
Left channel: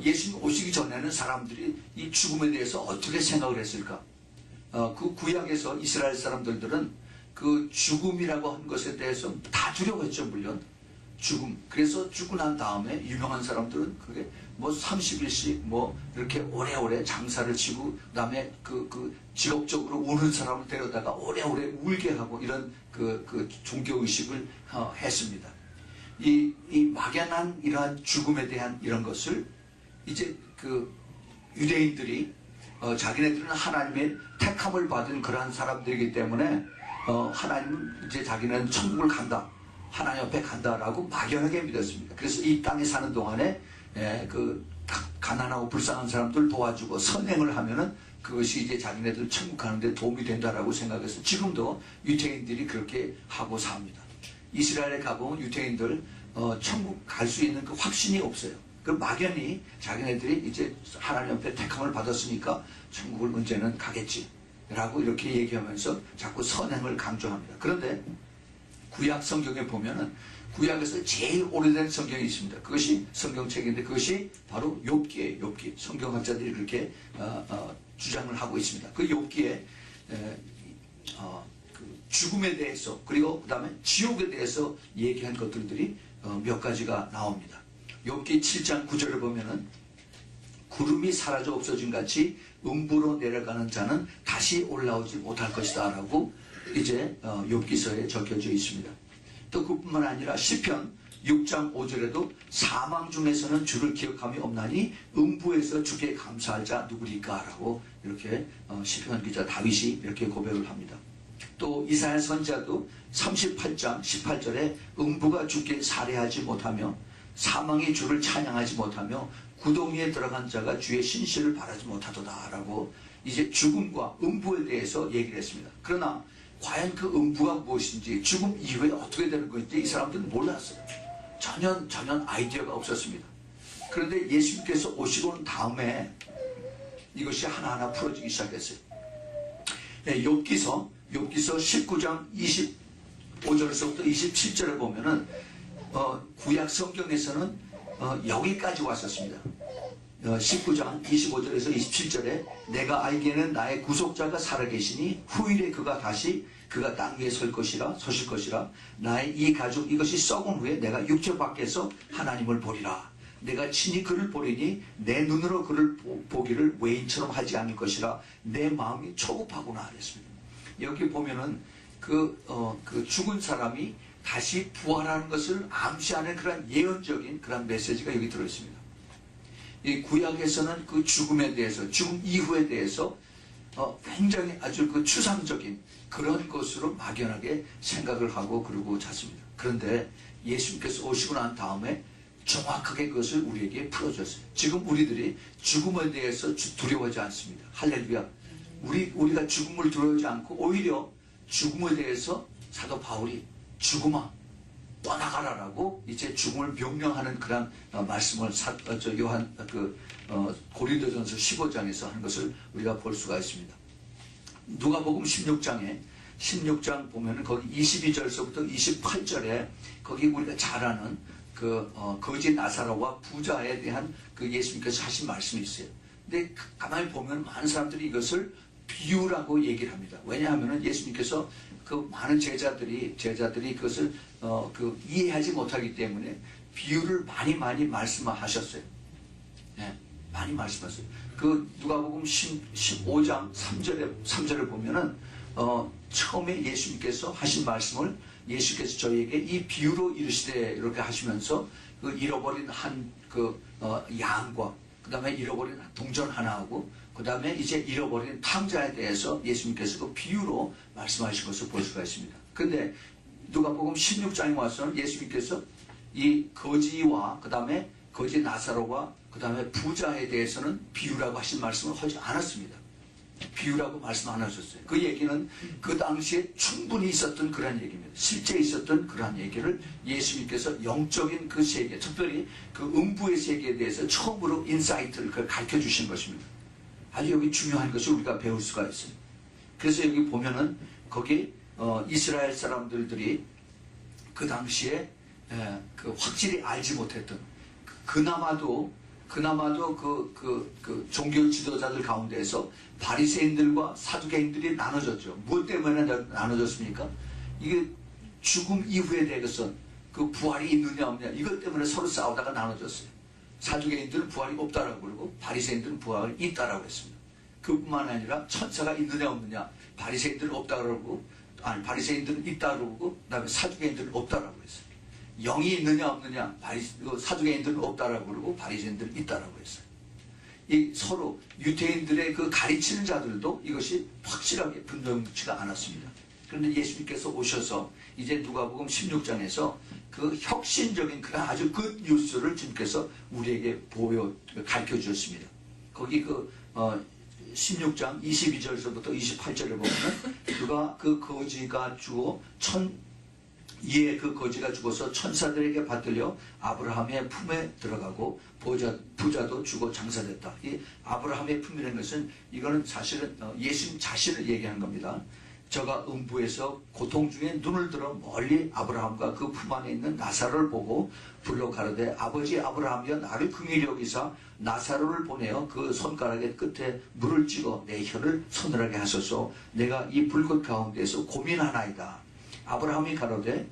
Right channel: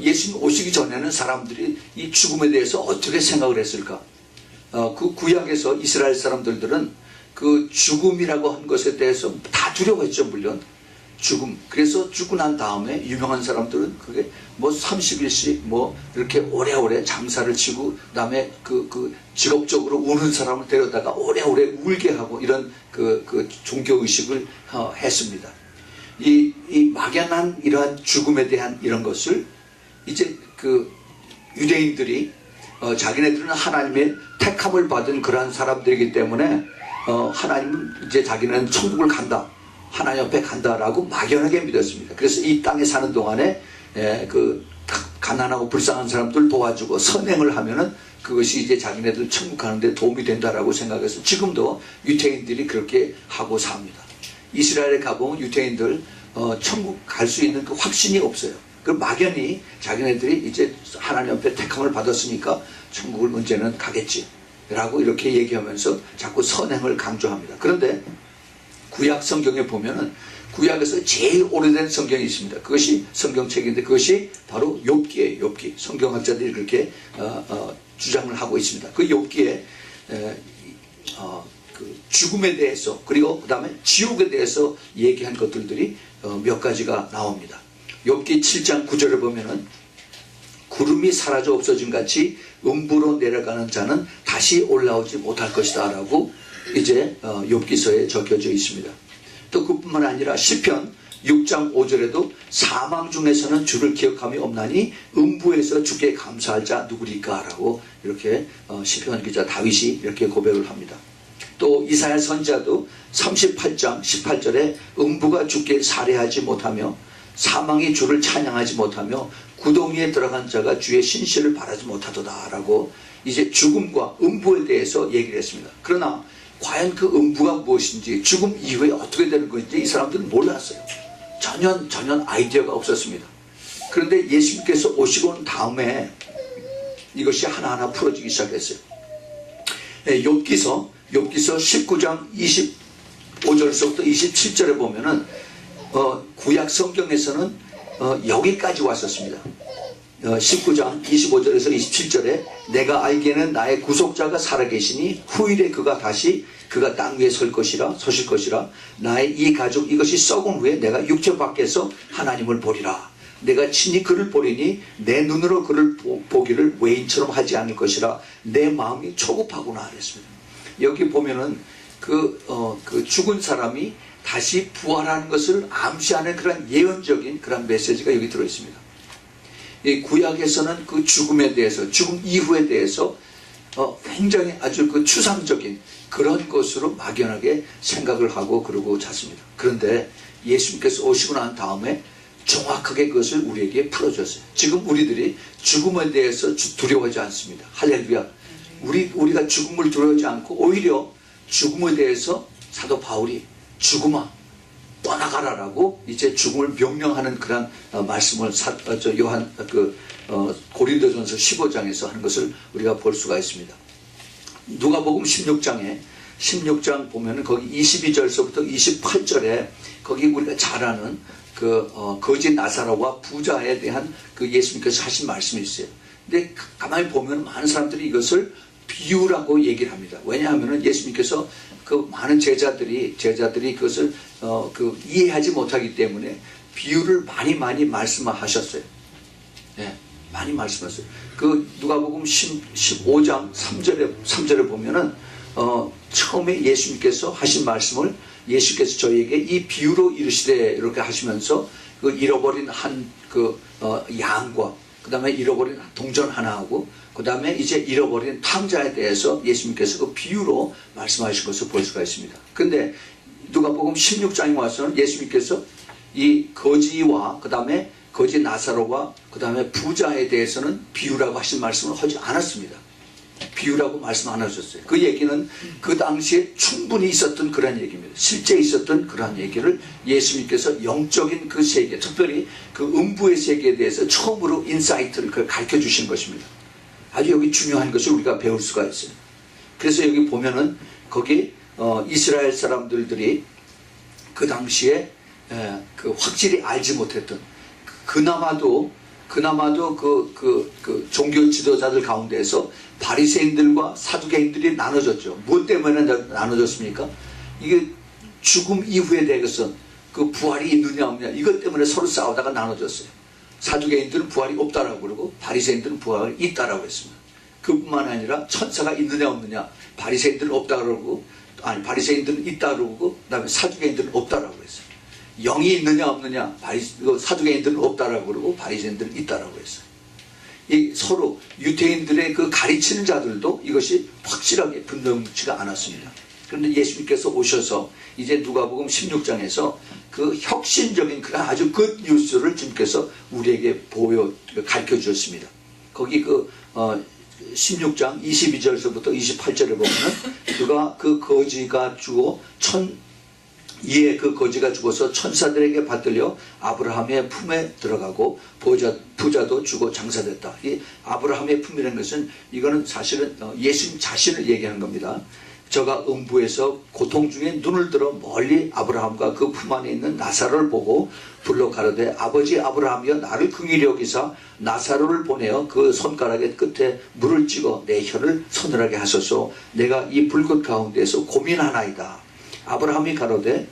예수님 오시기 전에는 사람들이 이 죽음에 대해서 어떻게 생각을 했을까? 그 구약에서 이스라엘 사람들은 그 죽음이라고 한 것에 대해서 다 두려워했죠, 물론. 죽음. 그래서 죽고 난 다음에 유명한 사람들은 그게 뭐 30일씩 뭐 이렇게 오래오래 장사를 치고 그다음에 그 직업적으로 우는 사람을 데려다가 오래오래 울게 하고 이런 그 종교 의식을 했습니다. 이 막연한 이러한 죽음에 대한 이런 것을 이제 그 유대인들이 자기네들은 하나님의 택함을 받은 그러한 사람들이기 때문에 하나님은 이제 자기는 천국을 간다. 하나님 옆에 간다라고 막연하게 믿었습니다. 그래서 이 땅에 사는 동안에 그 가난하고 불쌍한 사람들 도와주고 선행을 하면은 그것이 이제 자기네들 천국 가는데 도움이 된다라고 생각해서 지금도 유대인들이 그렇게 하고 삽니다. 이스라엘에 가보면 유대인들 천국 갈 수 있는 그 확신이 없어요. 그 막연히 자기네들이 이제 하나님 앞에 택함을 받았으니까 천국을 문제는 가겠지 라고 이렇게 얘기하면서 자꾸 선행을 강조합니다. 그런데 구약 성경에 보면은 구약에서 제일 오래된 성경이 있습니다. 그것이 성경책인데 그것이 바로 욥기예요. 욥기. 성경학자들이 그렇게 주장을 하고 있습니다. 그 욥기에 그 죽음에 대해서 그리고 그 다음에 지옥에 대해서 얘기한 것들이 몇 가지가 나옵니다. 욥기 7장 9절을 보면은 구름이 사라져 없어진 같이 음부로 내려가는 자는 다시 올라오지 못할 것이다 라고 이제 욥기서에 적혀져 있습니다. 또 그뿐만 아니라 시편 6장 5절에도 사망 중에서는 주를 기억함이 없나니 음부에서 주께 감사할 자 누구리까 라고 이렇게 시편 기자 다윗이 이렇게 고백을 합니다. 또 이사야 선지자도 38장 18절에 음부가 주께 살해하지 못하며 사망이 주를 찬양하지 못하며 구덩이에 들어간 자가 주의 신실을 바라지 못하도다 라고 이제 죽음과 음부에 대해서 얘기를 했습니다. 그러나 과연 그 음부가 무엇인지 죽음 이후에 어떻게 되는 것인지 이 사람들은 몰랐어요. 전혀 아이디어가 없었습니다. 그런데 예수님께서 오시고 난 다음에 이것이 하나하나 풀어지기 시작했어요. 욥기서 19장 25절에서부터 27절에 보면은 구약 성경에서는 여기까지 왔었습니다. 19장 25절에서 27절에 내가 알기에는 나의 구속자가 살아계시니 후일에 그가 땅 위에 서실 것이라 나의 이 가족 이것이 썩은 후에 내가 육체 밖에서 하나님을 보리라. 내가 친히 그를 보리니 내 눈으로 그를 보기를 외인처럼 하지 않을 것이라 내 마음이 초급하구나 그랬습니다. 여기 보면은 그 죽은 사람이 다시 부활하는 것을 암시하는 그런 예언적인 그런 메시지가 여기 들어 있습니다. 이 구약에서는 그 죽음에 대해서, 죽음 이후에 대해서 굉장히 아주 그 추상적인 그런 것으로 막연하게 생각을 하고 그러고 잤습니다. 그런데 예수님께서 오시고 난 다음에 정확하게 그것을 우리에게 풀어줬어요. 지금 우리들이 죽음에 대해서 두려워하지 않습니다. 할렐루야. 우리가 죽음을 두려워하지 않고 오히려 죽음에 대해서 사도 바울이 죽음아 떠나가라라고 이제 죽음을 명령하는 그런 말씀을 요한 고린도전서 15장에서 하는 것을 우리가 볼 수가 있습니다. 누가복음 16장 보면은 거기 22절서부터 28절에 거기 우리가 잘 아는 거지 나사로와 부자에 대한 그 예수님께서 하신 말씀이 있어요. 근데 가만히 보면 많은 사람들이 이것을 비유라고 얘기를 합니다. 왜냐하면 예수님께서 그 많은 제자들이 그것을 이해하지 못하기 때문에 비유를 많이 말씀하셨어요. 네, 많이 말씀하셨어요. 그 누가복음 15장 3절에 보면은 처음에 예수님께서 하신 말씀을 예수께서 저희에게 이 비유로 이르시되 이렇게 하시면서 그 잃어버린 양과 그 다음에 잃어버린 동전 하나하고 그 다음에 이제 잃어버린 탕자에 대해서 예수님께서 그 비유로 말씀하신 것을 볼 수가 있습니다. 근데 누가복음 16장에 와서는 예수님께서 이 거지와 그 다음에 거지 나사로와 그 다음에 부자에 대해서는 비유라고 하신 말씀을 하지 않았습니다. 비유라고 말씀 안 하셨어요. 그 얘기는 그 당시에 충분히 있었던 그런 얘기입니다. 실제 있었던 그러한 얘기를 예수님께서 영적인 그 세계, 특별히 그 음부의 세계에 대해서 처음으로 인사이트를 가르쳐 주신 것입니다. 아주 여기 중요한 것을 우리가 배울 수가 있어요. 그래서 여기 보면은 거기 이스라엘 사람들이 그 당시에 그 확실히 알지 못했던 그나마도 그 종교 지도자들 가운데에서 바리새인들과 사두개인들이 나눠졌죠. 무엇 때문에 나눠졌습니까? 이게 죽음 이후에 대해서 그 부활이 있느냐 없느냐 이것 때문에 서로 싸우다가 나눠졌어요. 사두개인들은 부활이 없다라고 그러고 바리새인들은 부활이 있다라고 했습니다. 그뿐만 아니라 천사가 있느냐 없느냐 바리새인들은 없다고 그러고 바리새인들은 있다고 그러고 그다음에 사두개인들은 없다라고 했어요. 영이 있느냐 없느냐 사두개인들은 없다라고 그러고 바리새인들은 있다라고 했어요. 이 서로 유대인들의 그 가르치는 자들도 이것이 확실하게 분명치가 않았습니다. 그런데 예수님께서 오셔서 이제 누가복음 16장에서 그 혁신적인 그런 아주 굿 뉴스를 주님께서 우리에게 가르쳐 주셨습니다. 거기 16장 22절에서부터 28절에 보면은 그가 그 거지가 주어 이에 그 거지가 죽어서 천사들에게 받들려 아브라함의 품에 들어가고 부자도 주고 장사됐다. 이 아브라함의 품이라는 것은 이거는 사실은 예수님 자신을 얘기하는 겁니다. 저가 음부에서 고통 중에 눈을 들어 멀리 아브라함과 그 품 안에 있는 나사로를 보고 불러 가로되 아버지 아브라함이여 나를 긍휼히 여기사 나사로를 보내어 그 손가락의 끝에 물을 찍어 내 혀를 서늘하게 하소서. 내가 이 불꽃 가운데에서 고민하나이다. 아브라함이 가로되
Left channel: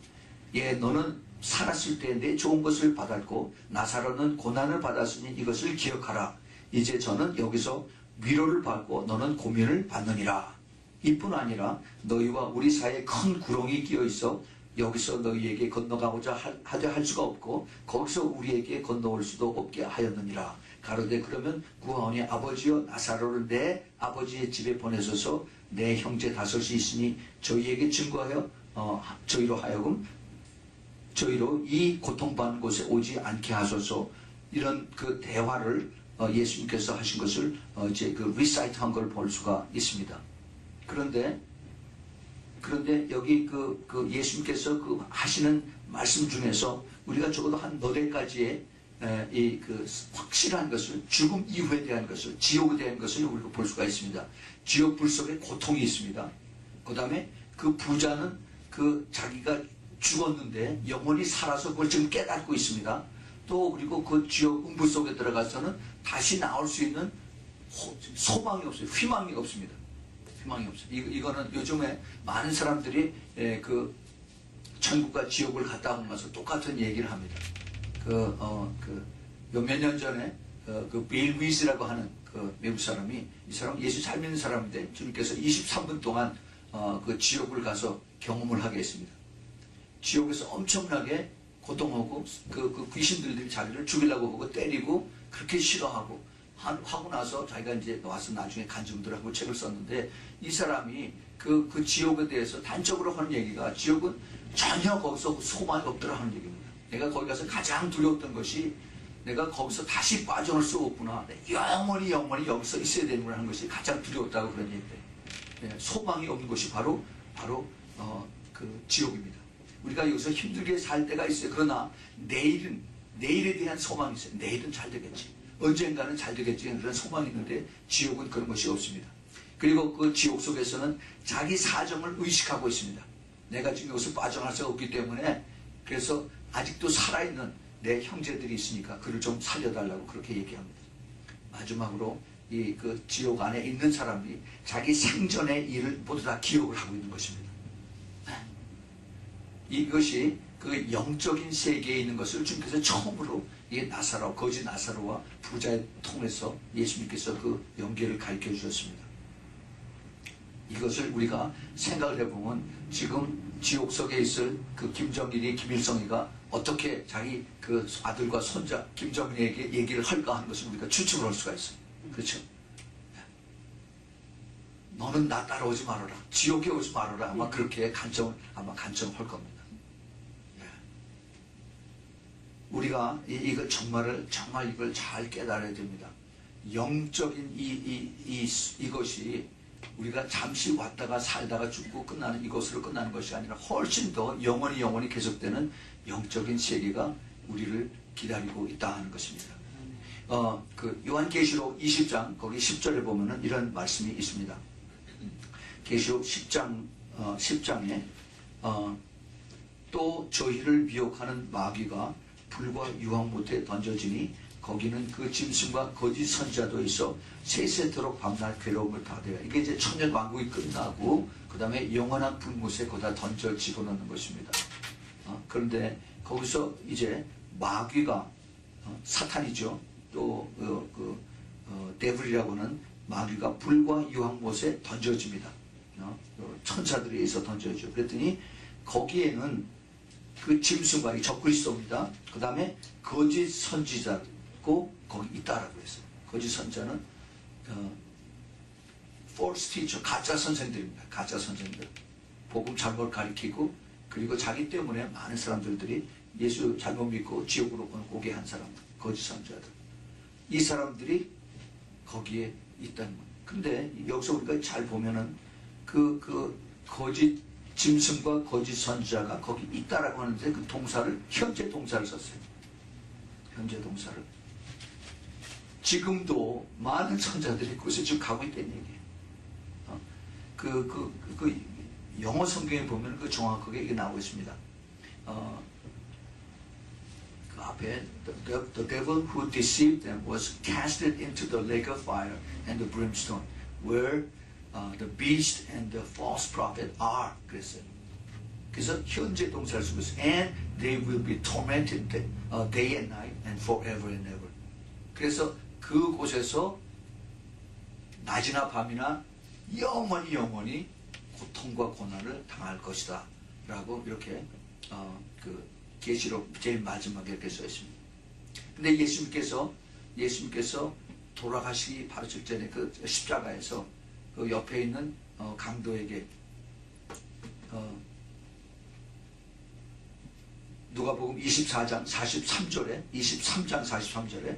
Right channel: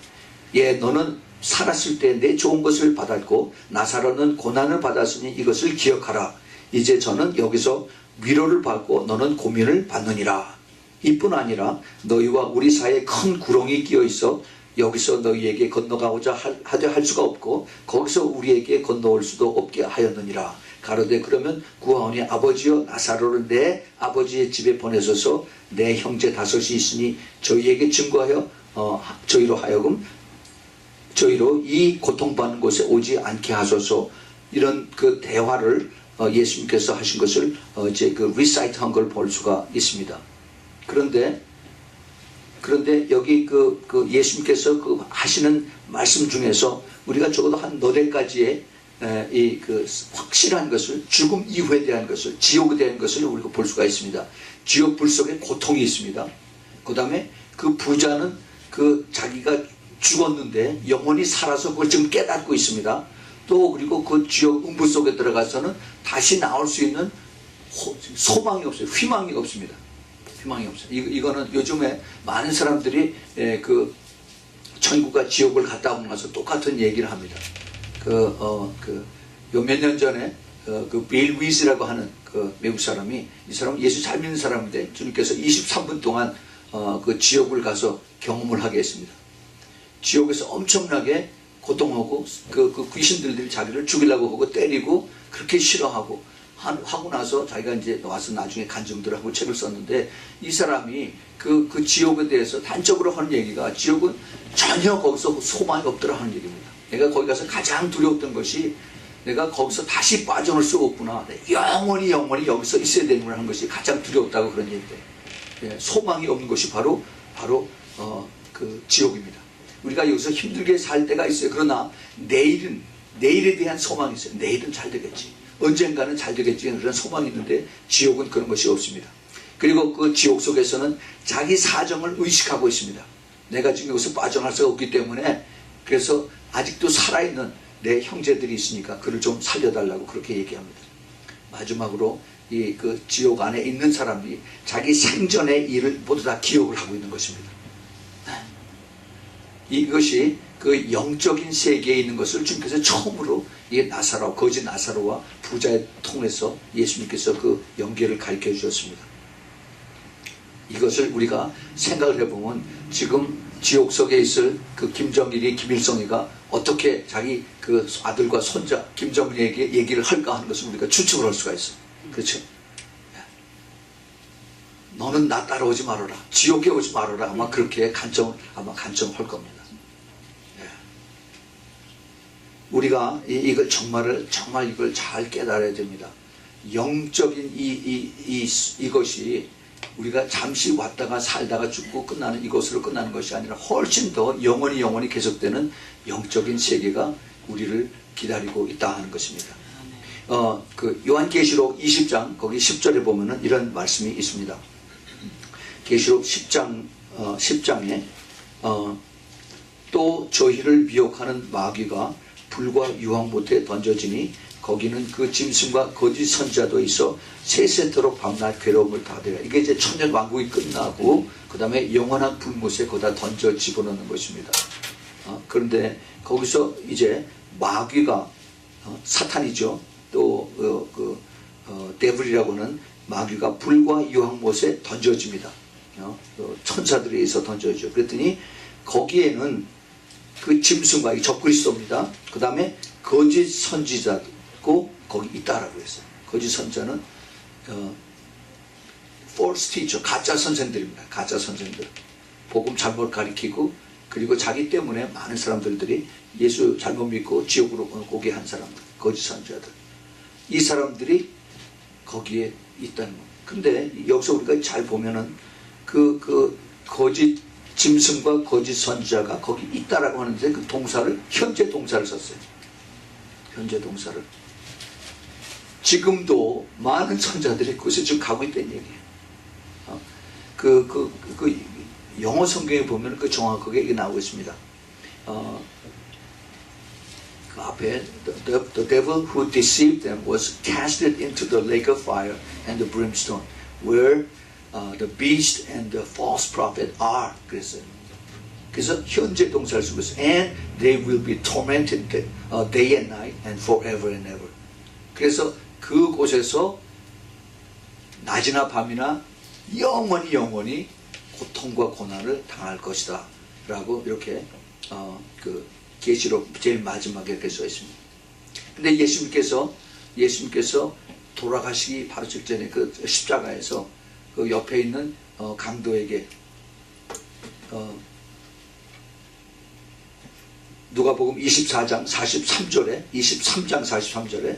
예 너는 살았을 때 내 좋은 것을 받았고 나사로는 고난을 받았으니 이것을 기억하라. 이제 저는 여기서 위로를 받고 너는 고민을 받느니라. 이뿐 아니라 너희와 우리 사이에 큰 구렁이 끼어 있어 여기서 너희에게 건너가고자 할 수가 없고 거기서 우리에게 건너올 수도 없게 하였느니라. 가로되 그러면 구하오니 아버지여 나사로를 내 아버지의 집에 보내소서. 내 형제 다섯이 있으니 저희에게 증거하여 저희로 하여금 저희로 이 고통받는 곳에 오지 않게 하소서. 이런 그 대화를 예수님께서 하신 것을 이제 그 리사이트한 걸 볼 수가 있습니다. 그런데 여기 그 예수님께서 그 하시는 말씀 중에서 우리가 적어도 한 너댓 가지의 이 그 확실한 것을, 죽음 이후에 대한 것을, 지옥에 대한 것을 우리가 볼 수가 있습니다. 지옥 불 속에 고통이 있습니다. 그 다음에 그 부자는 그 자기가 죽었는데 영원히 살아서 그걸 지금 깨닫고 있습니다. 또 그리고 그 지옥 음부 속에 들어가서는 다시 나올 수 있는 소망이 없어요. 희망이 없습니다. 희망이 없어요. 이거는 요즘에 많은 사람들이 그 천국과 지옥을 갔다 오고 나서 똑같은 얘기를 합니다. 요 몇 년 전에 그 빌 위즈라고 하는 그 외국 사람이, 이 사람은 예수 잘 믿는 사람인데 주님께서 23분 동안 그 지옥을 가서 경험을 하게 했습니다. 지옥에서 엄청나게 고통하고 그 귀신들이 자기를 죽이려고 하고 때리고 그렇게 싫어하고 하고 나서 자기가 이제 와서 나중에 간증들하고 책을 썼는데, 이 사람이 그 지옥에 대해서 단적으로 하는 얘기가 지옥은 전혀 거기서 소망이 없더라 하는 얘기입니다. 내가 거기 가서 가장 두려웠던 것이 내가 거기서 다시 빠져나올 수 없구나. 영원히 여기서 있어야 되는구나 하는 것이 가장 두려웠다고 그런 얘기인데, 소망이 없는 것이 바로 그 지옥입니다. 우리가 여기서 힘들게 살 때가 있어요. 그러나 내일에 대한 소망이 있어요. 내일은 잘 되겠지. 언젠가는 잘 되겠지. 그런 소망이 있는데 지옥은 그런 것이 없습니다. 그리고 그 지옥 속에서는 자기 사정을 의식하고 있습니다. 내가 지금 여기서 빠져나갈 수가 없기 때문에, 그래서 아직도 살아있는 내 형제들이 있으니까 그를 좀 살려달라고 그렇게 얘기합니다. 마지막으로 이 그 지옥 안에 있는 사람들이 자기 생전의 일을 모두 다 기억을 하고 있는 것입니다. 이것이 그 영적인 세계에 있는 것을 주님께서 처음으로 이 나사로, 거지 나사로와 부자의 통해서 예수님께서 그 연계를 가르쳐 주셨습니다. 이것을 우리가 생각을 해보면 지금 지옥 속에 있을 그 김정일이, 김일성이가 어떻게 자기 그 아들과 손자 김정일에게 얘기를 할까 하는 것을 우리가 추측을 할 수가 있어요. 그렇죠? 너는 나 따라오지 말아라, 지옥에 오지 말아라, 아마 그렇게 간청할 겁니다. 우리가 이걸 정말 이걸 잘 깨달아야 됩니다. 영적인 이것이 우리가 잠시 왔다가 살다가 죽고 끝나는 이것으로 끝나는 것이 아니라 훨씬 더 영원히 계속되는 영적인 세계가 우리를 기다리고 있다 하는 것입니다. 그 요한계시록 20장 거기 10절에 보면은 이런 말씀이 있습니다. 계시록 10장에 또 저희를 미혹하는 마귀가 불과 유황 못에 던져지니 거기는 그 짐승과 거짓 선자도 있어 세세토록 밤낮 괴로움을 받으라. 이게 이제 천년 왕국이 끝나고 그 다음에 영원한 불못에 거기다 던져 집어넣는 것입니다. 그런데 거기서 이제 마귀가 사탄이죠. 또 데블이라고 하는 마귀가 불과 유황 못에 던져집니다. 천사들에 의해서 던져지죠. 그랬더니 거기에는 그 짐승과 이 적그리스도입니다. 그 다음에 거짓 선지자고 거기 있다라고 했어요. 거짓 선자는 false teacher, 가짜 선생들입니다. 가짜 선생들. 복음 잘못 가리키고, 그리고 자기 때문에 많은 사람들이 예수 잘못 믿고 지옥으로 오게 한 사람들, 거짓 선자들. 이 사람들이 거기에 있다는 거예요. 근데 여기서 우리가 잘 보면은 그 거짓 짐승과 거짓 선지자가 거기 있다라고 하는데 그 동사를 현재 동사를 썼어요. 현재 동사를. 지금도 많은 선자들이 그곳에 지금 가고 있다는 얘기예요. 영어 성경에 보면 그 정확하게 이게 나오고 있습니다. 그 앞에 the devil who deceived them was casted into the lake of fire and the brimstone, where the beast and the false prophet are. 그랬어요. 그래서 현재 동사를 쓰고 있어요. And they will be tormented day and night and forever and ever. 그래서 그곳에서 낮이나 밤이나 영원히 고통과 고난을 당할 것이다 라고 이렇게 그 계시록 제일 마지막에 이렇게 써 있습니다. 근데 예수님께서 돌아가시기 바로 직전에 그 십자가에서 그 옆에 있는 강도에게 누가복음 23장 43절에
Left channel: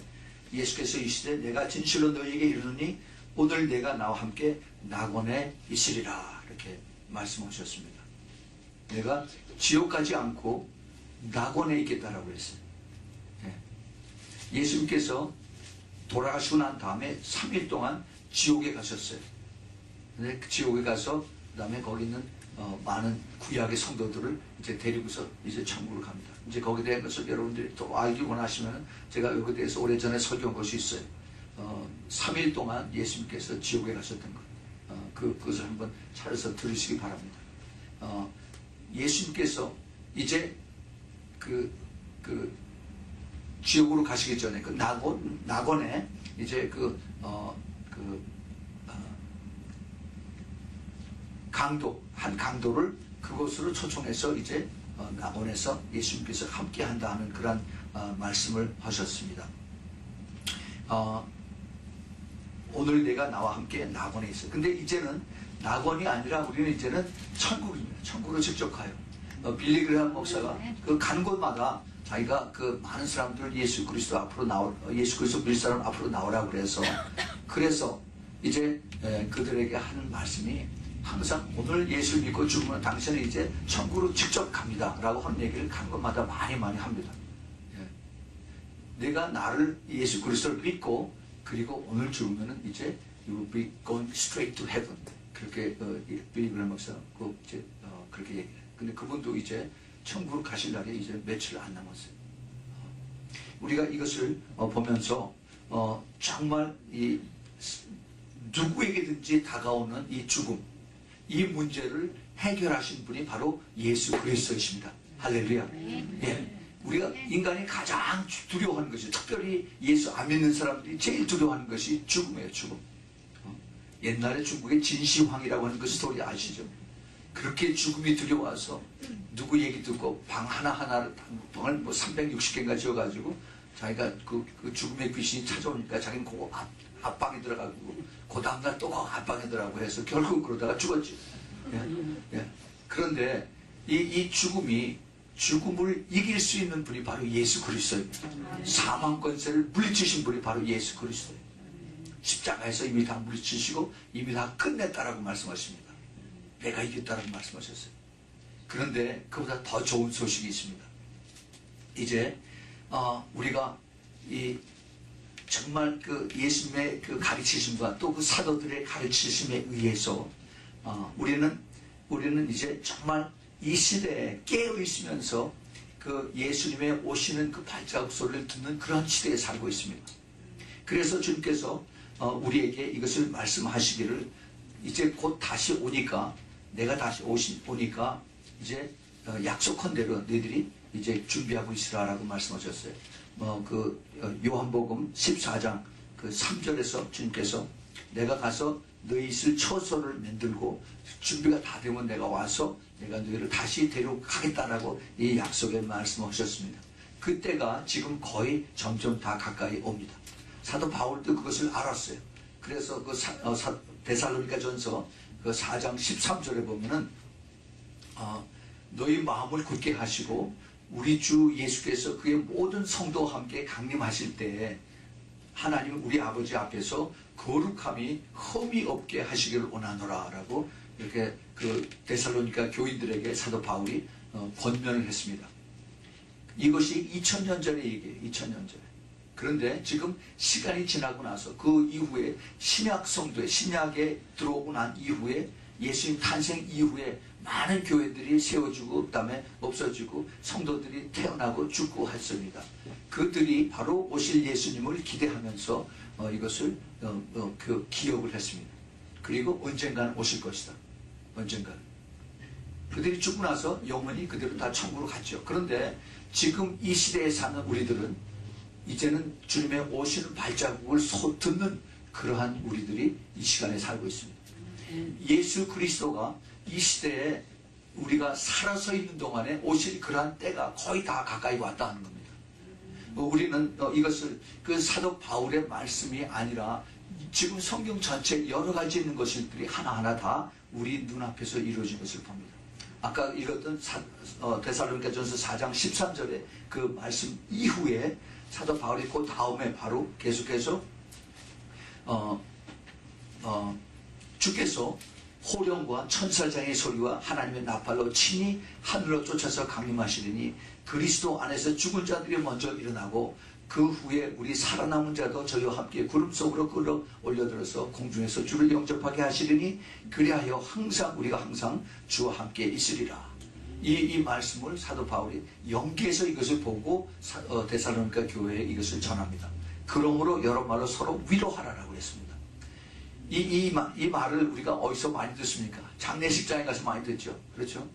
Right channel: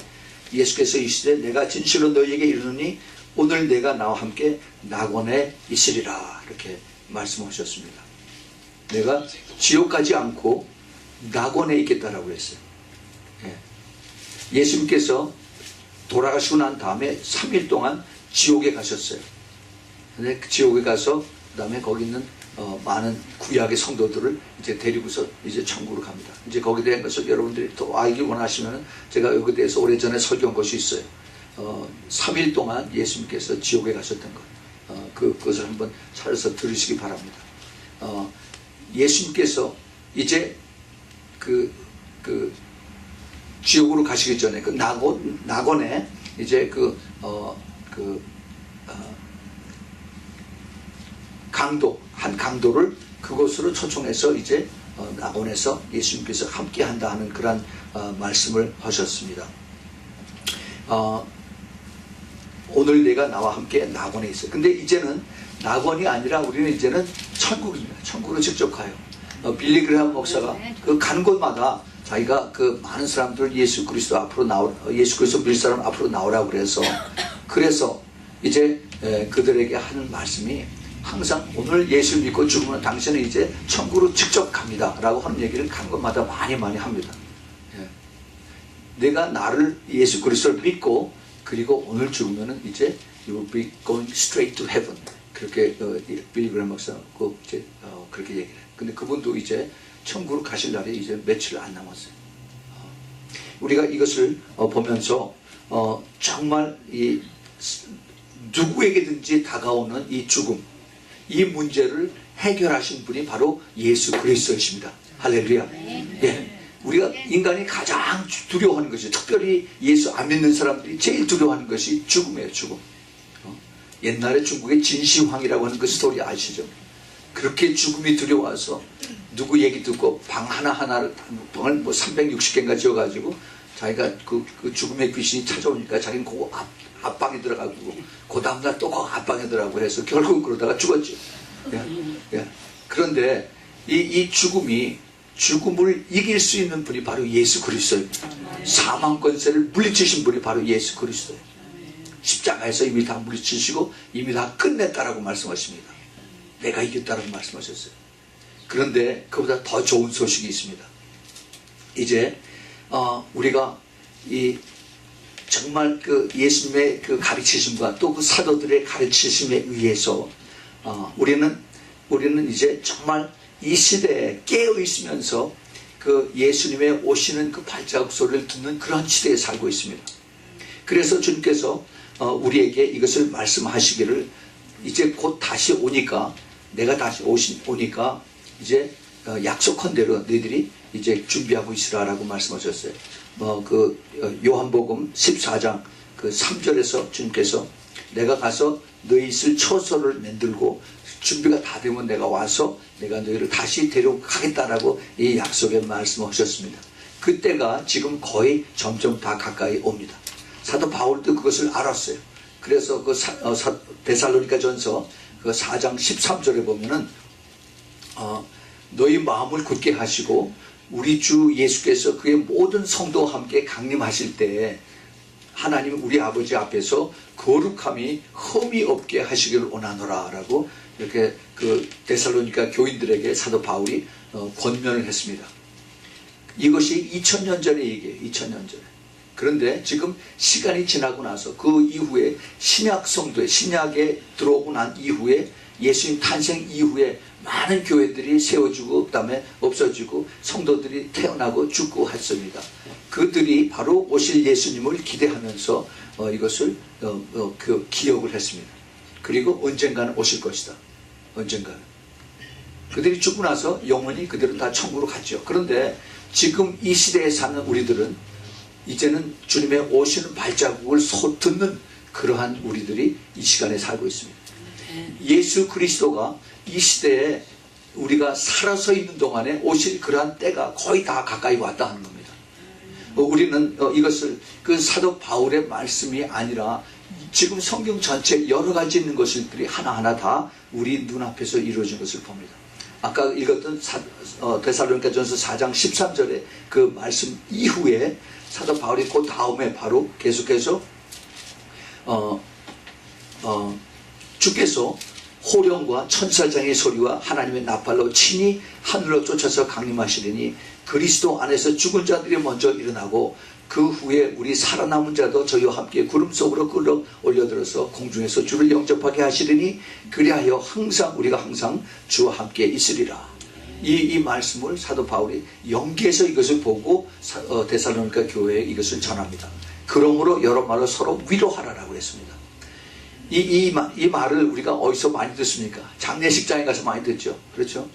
예수께서 이르시되 내가 진실로 너희에게 이르노니 오늘 내가 나와 함께 낙원에 있으리라 이렇게 말씀하셨습니다. 내가 지옥 가지 않고 낙원에 있겠다라고 했어요. 예수님께서 돌아가시고 난 다음에 3일 동안 지옥에 가셨어요. 근데 그 지옥에 가서 그다음에 거기 있는 많은 구약의 성도들을 이제 데리고서 이제 천국으로 갑니다. 이제 거기에 대한 것을 여러분들이 또 알기 원하시면 제가 여기에 대해서 오래전에 설교한 것이 있어요. 3일 동안 예수님께서 지옥에 가셨던 것. 그것을 한번 찾아서 들으시기 바랍니다. 예수님께서 이제 그 지옥으로 가시기 전에 그 낙원에 이제 한 강도를 그곳으로 초청해서 이제 낙원에서 예수님께서 함께 한다 하는 그런 말씀을 하셨습니다. 오늘 내가 나와 함께 낙원에 있어요. 근데 이제는 낙원이 아니라 우리는 이제는 천국입니다. 천국으로 직접 가요. 빌리 그레함 목사가 그 가는 곳마다 자기가 그 많은 사람들 예수 그리스도 믿을 사람 앞으로 나오라고 그래서 이제 그들에게 하는 말씀이 항상 오늘 예수를 믿고 죽으면 당신은 이제 천국으로 직접 갑니다 라고 하는 얘기를 가는 곳마다 많이 합니다. 내가 나를 예수 그리스도를 믿고 그리고 오늘 죽으면은 이제 you will be going straight to heaven. 그렇게 빌리 그레함 목사가 이제 그렇게 얘기를 해요. 근데 그분도 이제 천국으로 가실 날이 이제 며칠 안 남았어요. 우리가 이것을 보면서 정말 이 누구에게든지 다가오는 이 죽음, 이 문제를 해결하신 분이 바로 예수 그리스도이십니다. 할렐루야. 예. 우리가 인간이 가장 두려워하는 것이, 특별히 예수 안 믿는 사람들이 제일 두려워하는 것이 죽음이에요. 죽음. 옛날에 중국의 진시황이라고 하는 그 스토리 아시죠? 그렇게 죽음이 두려워서 누구 얘기 듣고 방 하나하나를 방을 뭐 360개인가 지어가지고 자기가 그 죽음의 귀신이 찾아오니까 자기는 그거 앞방에 들어가고 그 다음날 또 그 앞방에 들어가고 해서 결국 그러다가 죽었죠. 예. 그런데 이 죽음을 이길 수 있는 분이 바로 예수 그리스도입니다. 사망 권세를 물리치신 분이 바로 예수 그리스도예요. 십자가에서 이미 다 물리치시고 이미 다 끝냈다라고 말씀하십니다. 내가 이겼다라고 말씀하셨어요. 그런데 그보다 더 좋은 소식이 있습니다. 이제 우리가 이 정말 그 예수님의 그 가르치심과 또 그 사도들의 가르치심에 의해서 우리는 이제 정말 이 시대에 깨어 있으면서 그 예수님의 오시는 그 발자국 소리를 듣는 그런 시대에 살고 있습니다. 그래서 주님께서 우리에게 이것을 말씀하시기를 이제 곧 다시 오니까 내가 다시 오니까 이제 약속한 대로 너희들이 이제 준비하고 있으라라고 말씀하셨어요. 그 요한복음 14장 그 3절에서 주님께서 내가 가서 너희 있을 처소를 만들고 준비가 다 되면 내가 와서 내가 너희를 다시 데려가겠다라고 이 약속의 말씀하셨습니다. 그때가 지금 거의 점점 다 가까이 옵니다. 사도 바울도 그것을 알았어요. 그래서 그 데살로니가 전서 그 4장 13절에 보면은 너희 마음을 굳게 하시고 우리 주 예수께서 그의 모든 성도와 함께 강림하실 때에 하나님 우리 아버지 앞에서 거룩함이 흠이 없게 하시기를 원하노라 라고 이렇게 그 데살로니가 교인들에게 사도 바울이 권면을 했습니다. 이것이 2000년 전의 얘기예요. 2000년 전에. 그런데 지금 시간이 지나고 나서 그 이후에 신약 성도에 신약에 들어오고 난 이후에 예수님 탄생 이후에 많은 교회들이 세워지고 그다음에 없어지고 성도들이 태어나고 죽고 했습니다. 그들이 바로 오실 예수님을 기대하면서 이것을 그 기억을 했습니다. 그리고 언젠가는 오실 것이다. 언젠가는. 그들이 죽고 나서 영원히 그들은 다 천국으로 갔죠. 그런데 지금 이 시대에 사는 우리들은 이제는 주님의 오시는 발자국을 듣는 그러한 우리들이 이 시간에 살고 있습니다. 예수 그리스도가 이 시대에 우리가 살아서 있는 동안에 오실 그러한 때가 거의 다 가까이 왔다 하는 겁니다. 우리는 이것을 그 사도 바울의 말씀이 아니라 지금 성경 전체 여러 가지 있는 것들이 하나하나 다 우리 눈앞에서 이루어진 것을 봅니다. 아까 읽었던 데살로니가전서 4장 13절의 그 말씀 이후에 사도 바울이 그 다음에 바로 계속해서 주께서 호령과 천사장의 소리와 하나님의 나팔로 친히 하늘로 쫓아서 강림하시리니 그리스도 안에서 죽은 자들이 먼저 일어나고 그 후에 우리 살아남은 자도 저희와 함께 구름 속으로 끌어 올려들어서 공중에서 주를 영접하게 하시리니 그리하여 우리가 항상 주와 함께 있으리라. 이 말씀을 사도 바울이 연기해서 이것을 보고 데살로니가 교회에 이것을 전합니다. 그러므로 여러 말로 서로 위로하라라고 했습니다. 이 말을 우리가 어디서 많이 듣습니까? 장례식장에 가서 많이 듣죠. 그렇죠?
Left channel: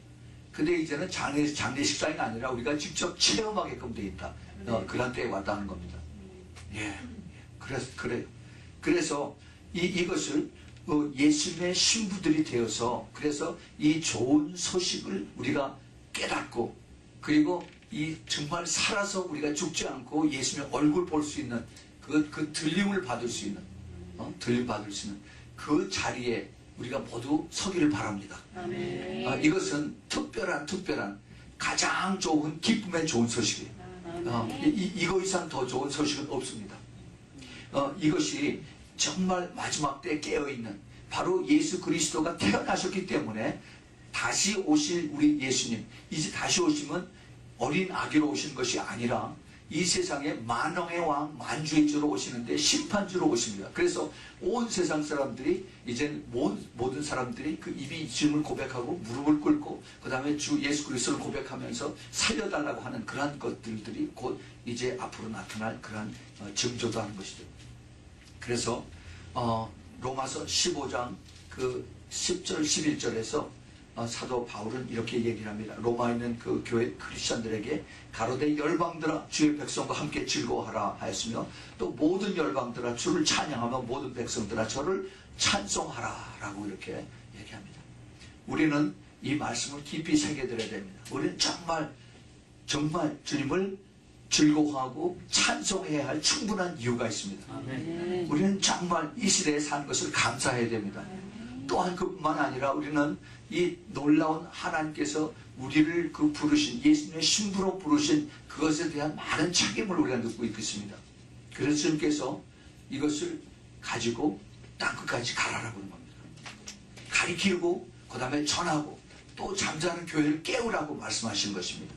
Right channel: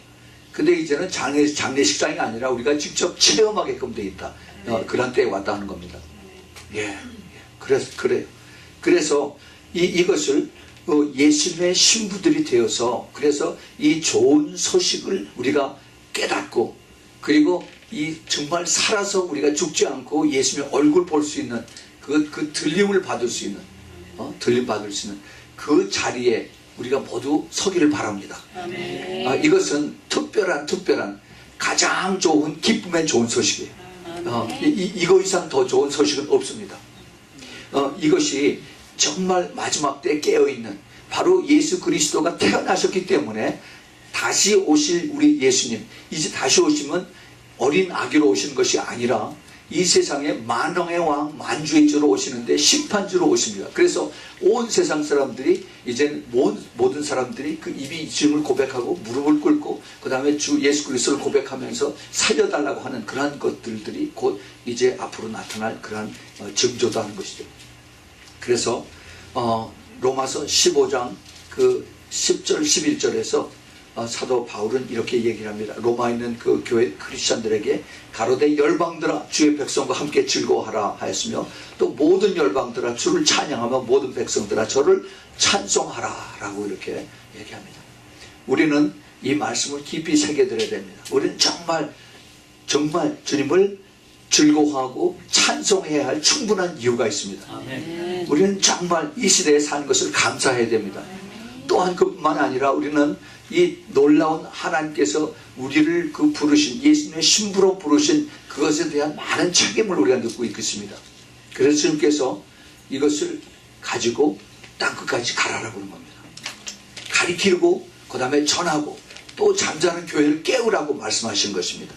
근데 이제는 장례식장이 아니라 우리가 직접 체험하게끔 돼 있다. 그런 때에 왔다 하는 겁니다. 그래요. 그래서 이것을 예수님의 신부들이 되어서 그래서 이 좋은 소식을 우리가 깨닫고 그리고 이 정말 살아서 우리가 죽지 않고 예수님의 얼굴 볼 수 있는 그 들림을 받을 수 있는 들림 받을 수 있는 그 자리에 우리가 모두 서기를 바랍니다. 이것은 특별한 가장 좋은 기쁨의 좋은 소식이에요. 이거 이상 더 좋은 소식은 없습니다. 이것이 정말 마지막 때 깨어있는 바로 예수 그리스도가 태어나셨기 때문에 다시 오실 우리 예수님, 이제 다시 오시면 어린 아기로 오시는 것이 아니라 이 세상에 만왕의 왕 만주의 주로 오시는데 심판주로 오십니다. 그래서 온 세상 사람들이 이제는 모든 사람들이 그 입이 주님을 고백하고 무릎을 꿇고 그 다음에 주 예수 그리스도를 고백하면서 살려달라고 하는 그러한 것들이 곧 이제 앞으로 나타날 그러한 증조도 하는 것이죠. 그래서 로마서 15장 그 10절 11절에서 사도 바울은 이렇게 얘기를 합니다. 로마에 있는 그 교회 크리스천들에게 가로되 열방들아 주의 백성과 함께 즐거워하라 하였으며 또 모든 열방들아 주를 찬양하며 모든 백성들아 저를 찬송하라 라고 이렇게 얘기합니다. 우리는 이 말씀을 깊이 새겨들어야 됩니다. 우리는 정말 주님을 즐거워하고 찬송해야 할 충분한 이유가 있습니다. 아멘. 우리는 정말 이 시대에 사는 것을 감사해야 됩니다. 또한 그뿐만 아니라 우리는 이 놀라운 하나님께서 우리를 그 부르신 예수님의 신부로 부르신 그것에 대한 많은 책임을 우리가 느끼고 있겠습니다. 그래서 주님께서 이것을 가지고 땅끝까지 가라라고 하는 겁니다. 가리키고 그 다음에 전하고 또 잠자는 교회를 깨우라고 말씀하신 것입니다.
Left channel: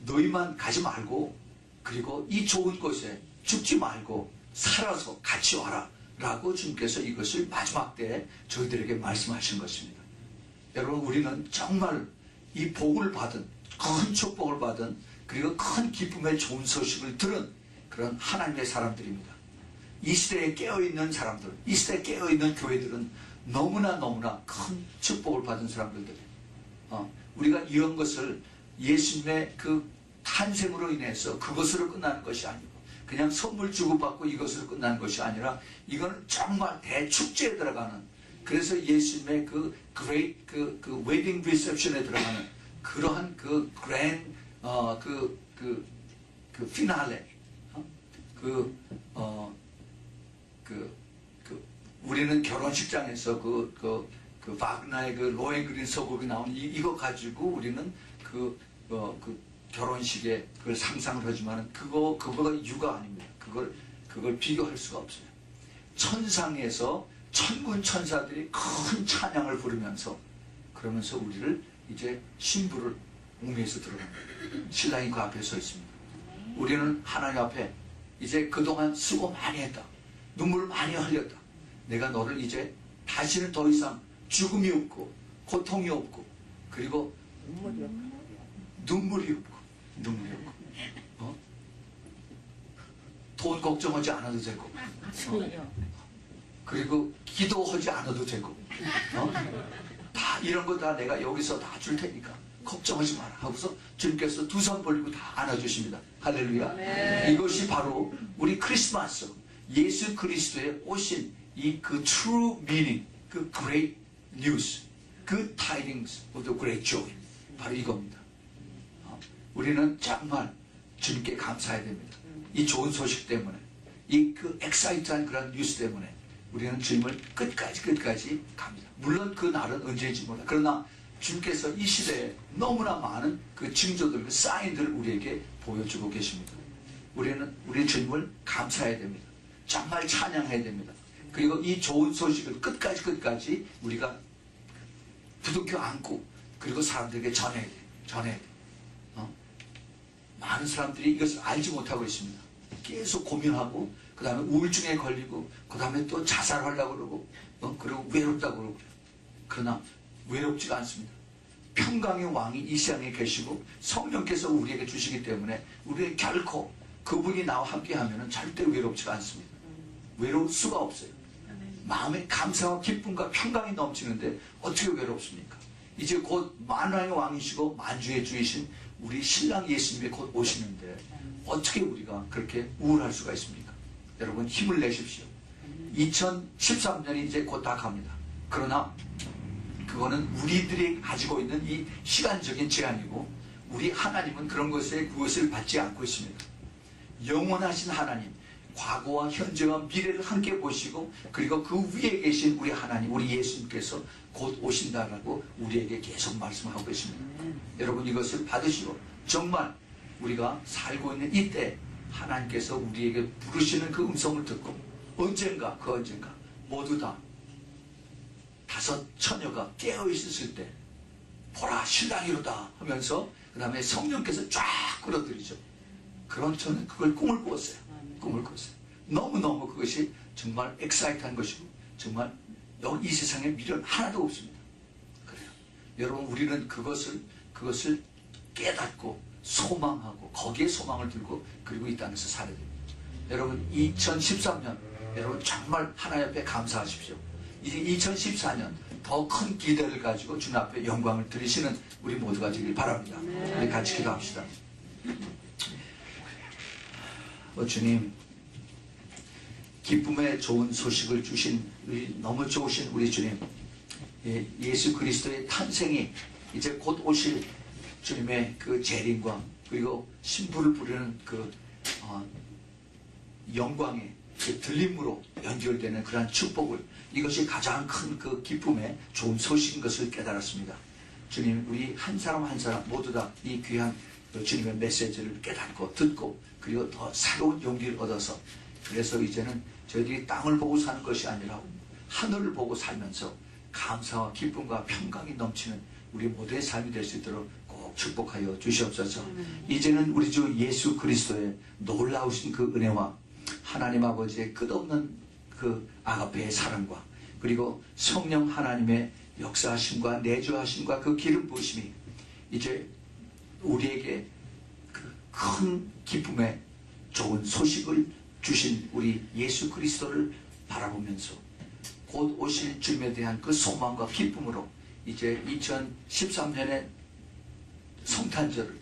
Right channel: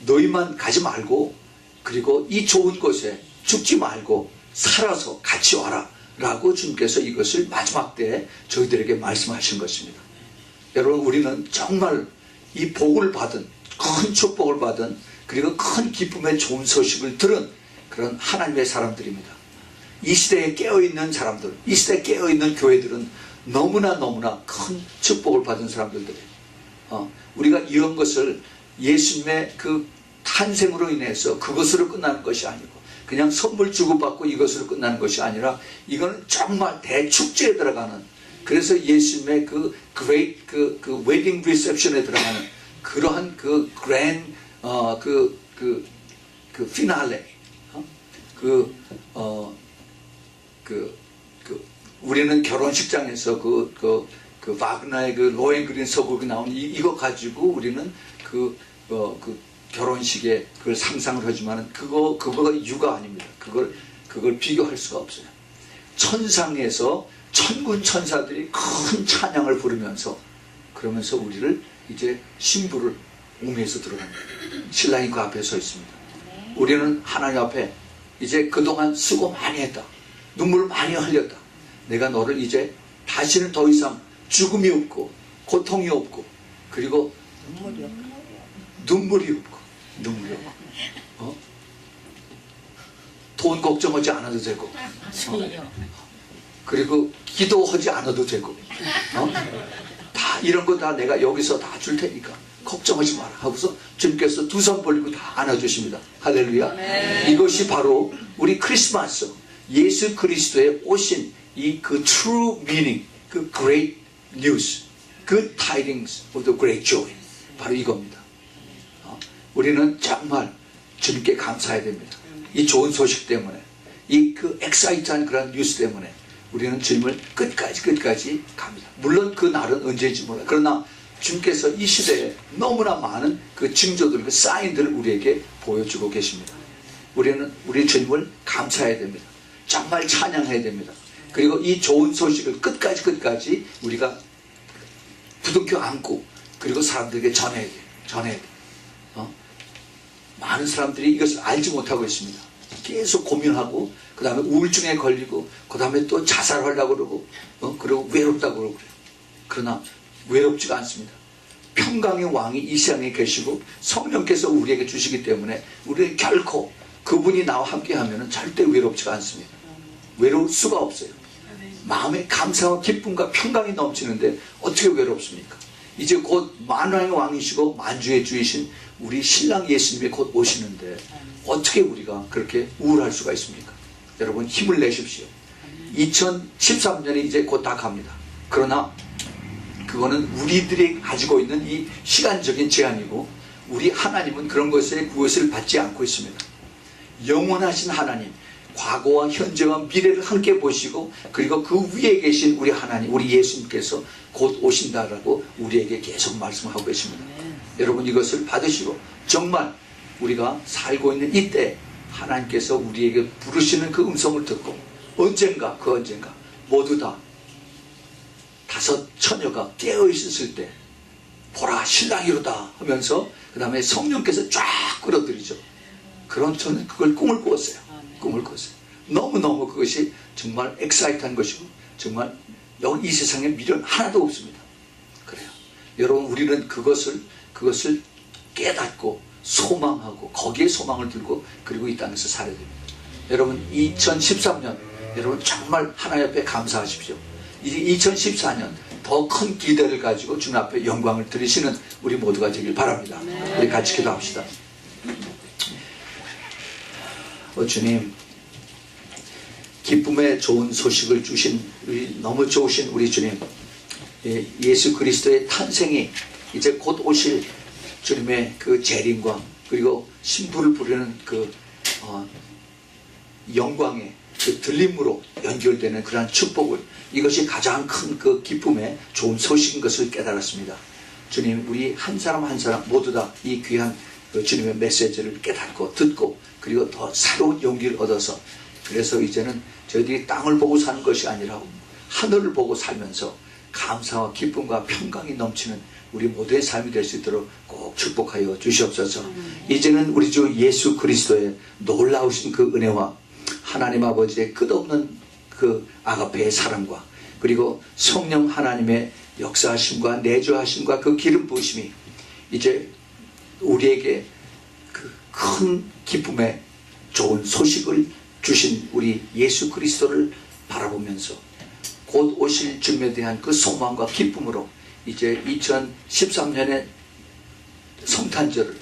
너희만 가지 말고 그리고 이 좋은 곳에 죽지 말고 살아서 같이 와라 라고 주님께서 이것을 마지막 때에 저희들에게 말씀하신 것입니다. 여러분 우리는 정말 이 복을 받은 큰 축복을 받은 그리고 큰 기쁨의 좋은 소식을 들은 그런 하나님의 사람들입니다. 이 시대에 깨어있는 사람들, 이 시대에 깨어있는 교회들은 너무나 큰 축복을 받은 사람들이에요. 우리가 이런 것을 예수님의 그 탄생으로 인해서 그것으로 끝나는 것이 아니고 그냥 선물 주고받고 이것으로 끝나는 것이 아니라 이거는 정말 대축제에 들어가는 그래서 예수님의 그 great 그 웨딩 리셉션에 들어가는 그러한 그 grand 그 피날레 우리는 결혼식장에서 그 바그너의 그 로엔그린 서곡이 나온 이거 가지고 우리는 그 결혼식에 그걸 상상을 하지만은 그거가 이유가 아닙니다. 그걸 비교할 수가 없어요. 천상에서 천군 천사들이 큰 찬양을 부르면서 그러면서 우리를 이제 신부를 옹에서 들어갑니다. 신랑이 그 앞에 서 있습니다. 우리는 하나님 앞에 이제 그동안 수고 많이 했다. 눈물 많이 흘렸다. 내가 너를 이제 다시는 더 이상 죽음이 없고 고통이 없고 그리고 눈물이 없고 돈 걱정하지 않아도 되고 그리고 기도하지 않아도 되고 다 이런 거 다 내가 여기서 다 줄 테니까 걱정하지 마라 하고서 주님께서 두 손 벌리고 다 안아주십니다. 할렐루야. 네. 이것이 바로 우리 크리스마스 예수 그리스도의 오신 이 그 true meaning, 그 great news, good tidings of the great joy, 바로 이겁니다. 우리는 정말 주님께 감사해야 됩니다. 이 좋은 소식 때문에, 이 그 엑사이트한 그런 뉴스 때문에 우리는 주님을 끝까지 갑니다. 물론 그 날은 언제인지 몰라. 그러나 주님께서 이 시대에 너무나 많은 그 징조들, 그 사인들을 우리에게 보여주고 계십니다. 우리는 우리 주님을 감사해야 됩니다. 정말 찬양해야 됩니다. 그리고 이 좋은 소식을 끝까지 우리가 부둥켜 안고 그리고 사람들에게 전해야 돼. 많은 사람들이 이것을 알지 못하고 있습니다. 계속 고민하고 그 다음에 우울증에 걸리고 그 다음에 또 자살하려고 그러고 그리고 외롭다고 그러고 그래요. 그러나 외롭지가 않습니다. 평강의 왕이 이 세상에 계시고 성령께서 우리에게 주시기 때문에 우리는 결코 그분이 나와 함께 하면 절대 외롭지가 않습니다. 외로울 수가 없어요. 마음에 감사와 기쁨과 평강이 넘치는데 어떻게 외롭습니까? 이제 곧 만왕의 왕이시고 만주의 주이신 우리 신랑 예수님이 곧 오시는데 어떻게 우리가 그렇게 우울할 수가 있습니까? 여러분 힘을 내십시오. 2013년이 이제 곧 다 갑니다. 그러나 그거는 우리들이 가지고 있는 이 시간적인 제한이고 우리 하나님은 그런 것에 그것을 받지 않고 있습니다. 영원하신 하나님, 과거와 현재와 미래를 함께 보시고 그리고 그 위에 계신 우리 하나님, 우리 예수님께서 곧 오신다라고 우리에게 계속 말씀하고 계십니다. 여러분 이것을 받으시고 정말 우리가 살고 있는 이때 하나님께서 우리에게 부르시는 그 음성을 듣고 언젠가 모두 다 5 처녀가 깨어 있었을 때 보라 신랑이로다 하면서 그 다음에 성령께서 쫙 끌어들이죠. 그런 저는 그걸 꿈을 꾸었어요. 너무너무 그것이 정말 엑사이트한 것이고 정말 여기 이 세상에 미련 하나도 없습니다. 그래요. 여러분 우리는 그것을 깨닫고 소망하고 거기에 소망을 들고 그리고 이 땅에서 살아야 됩니다. 여러분 2013년 여러분 정말 하나님 앞에 감사하십시오. 이제 2014년 더 큰 기대를 가지고 주님 앞에 영광을 드리시는 우리 모두가 되길 바랍니다. 우리 같이 기도합시다. 주님, 기쁨의 좋은 소식을 주신 너무 좋으신 우리 주님, 예수 그리스도의 탄생이 이제 곧 오실 주님의 그 재림과 그리고 신부를 부르는 그 영광의 그 들림으로 연결되는 그러한 축복을, 이것이 가장 큰 그 기쁨의 좋은 소식인 것을 깨달았습니다. 주님, 우리 한 사람 한 사람 모두 다 이 귀한 주님의 메시지를 깨닫고 듣고 그리고 더 새로운 용기를 얻어서, 그래서 이제는 저희들이 땅을 보고 사는 것이 아니라 하늘을 보고 살면서 감사와 기쁨과 평강이 넘치는 우리 모두의 삶이 될 수 있도록 꼭 축복하여 주시옵소서. 이제는 우리 주 예수 그리스도의 놀라우신 그 은혜와 하나님 아버지의 끝없는 그 아가페의 사랑과 그리고 성령 하나님의 역사하심과 내주하심과 그 기름 부으심이 이제 우리에게 그 큰 기쁨의 좋은 소식을 주신 우리 예수 그리스도를 바라보면서 곧 오실 주님에 대한 그 소망과 기쁨으로 이제 2013년의 성탄절을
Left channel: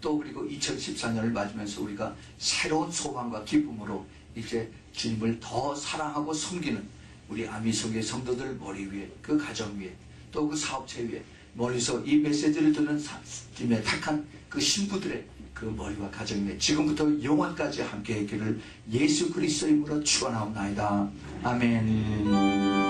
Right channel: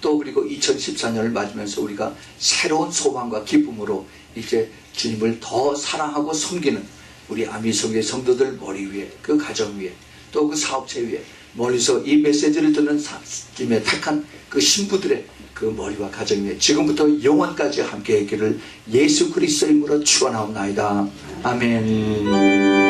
또 그리고 2014년을 맞으면서 우리가 새로운 소망과 기쁨으로 이제 주님을 더 사랑하고 섬기는 우리 아미성의 성도들 머리 위에, 그 가정 위에, 또 그 사업체 위에, 멀리서 이 메시지를 듣는 주님의 택한 그 신부들의 그 머리와 가정 위에 지금부터 영원까지 함께 있기를 예수 그리스도의 이름으로 축원하옵나이다. 아멘.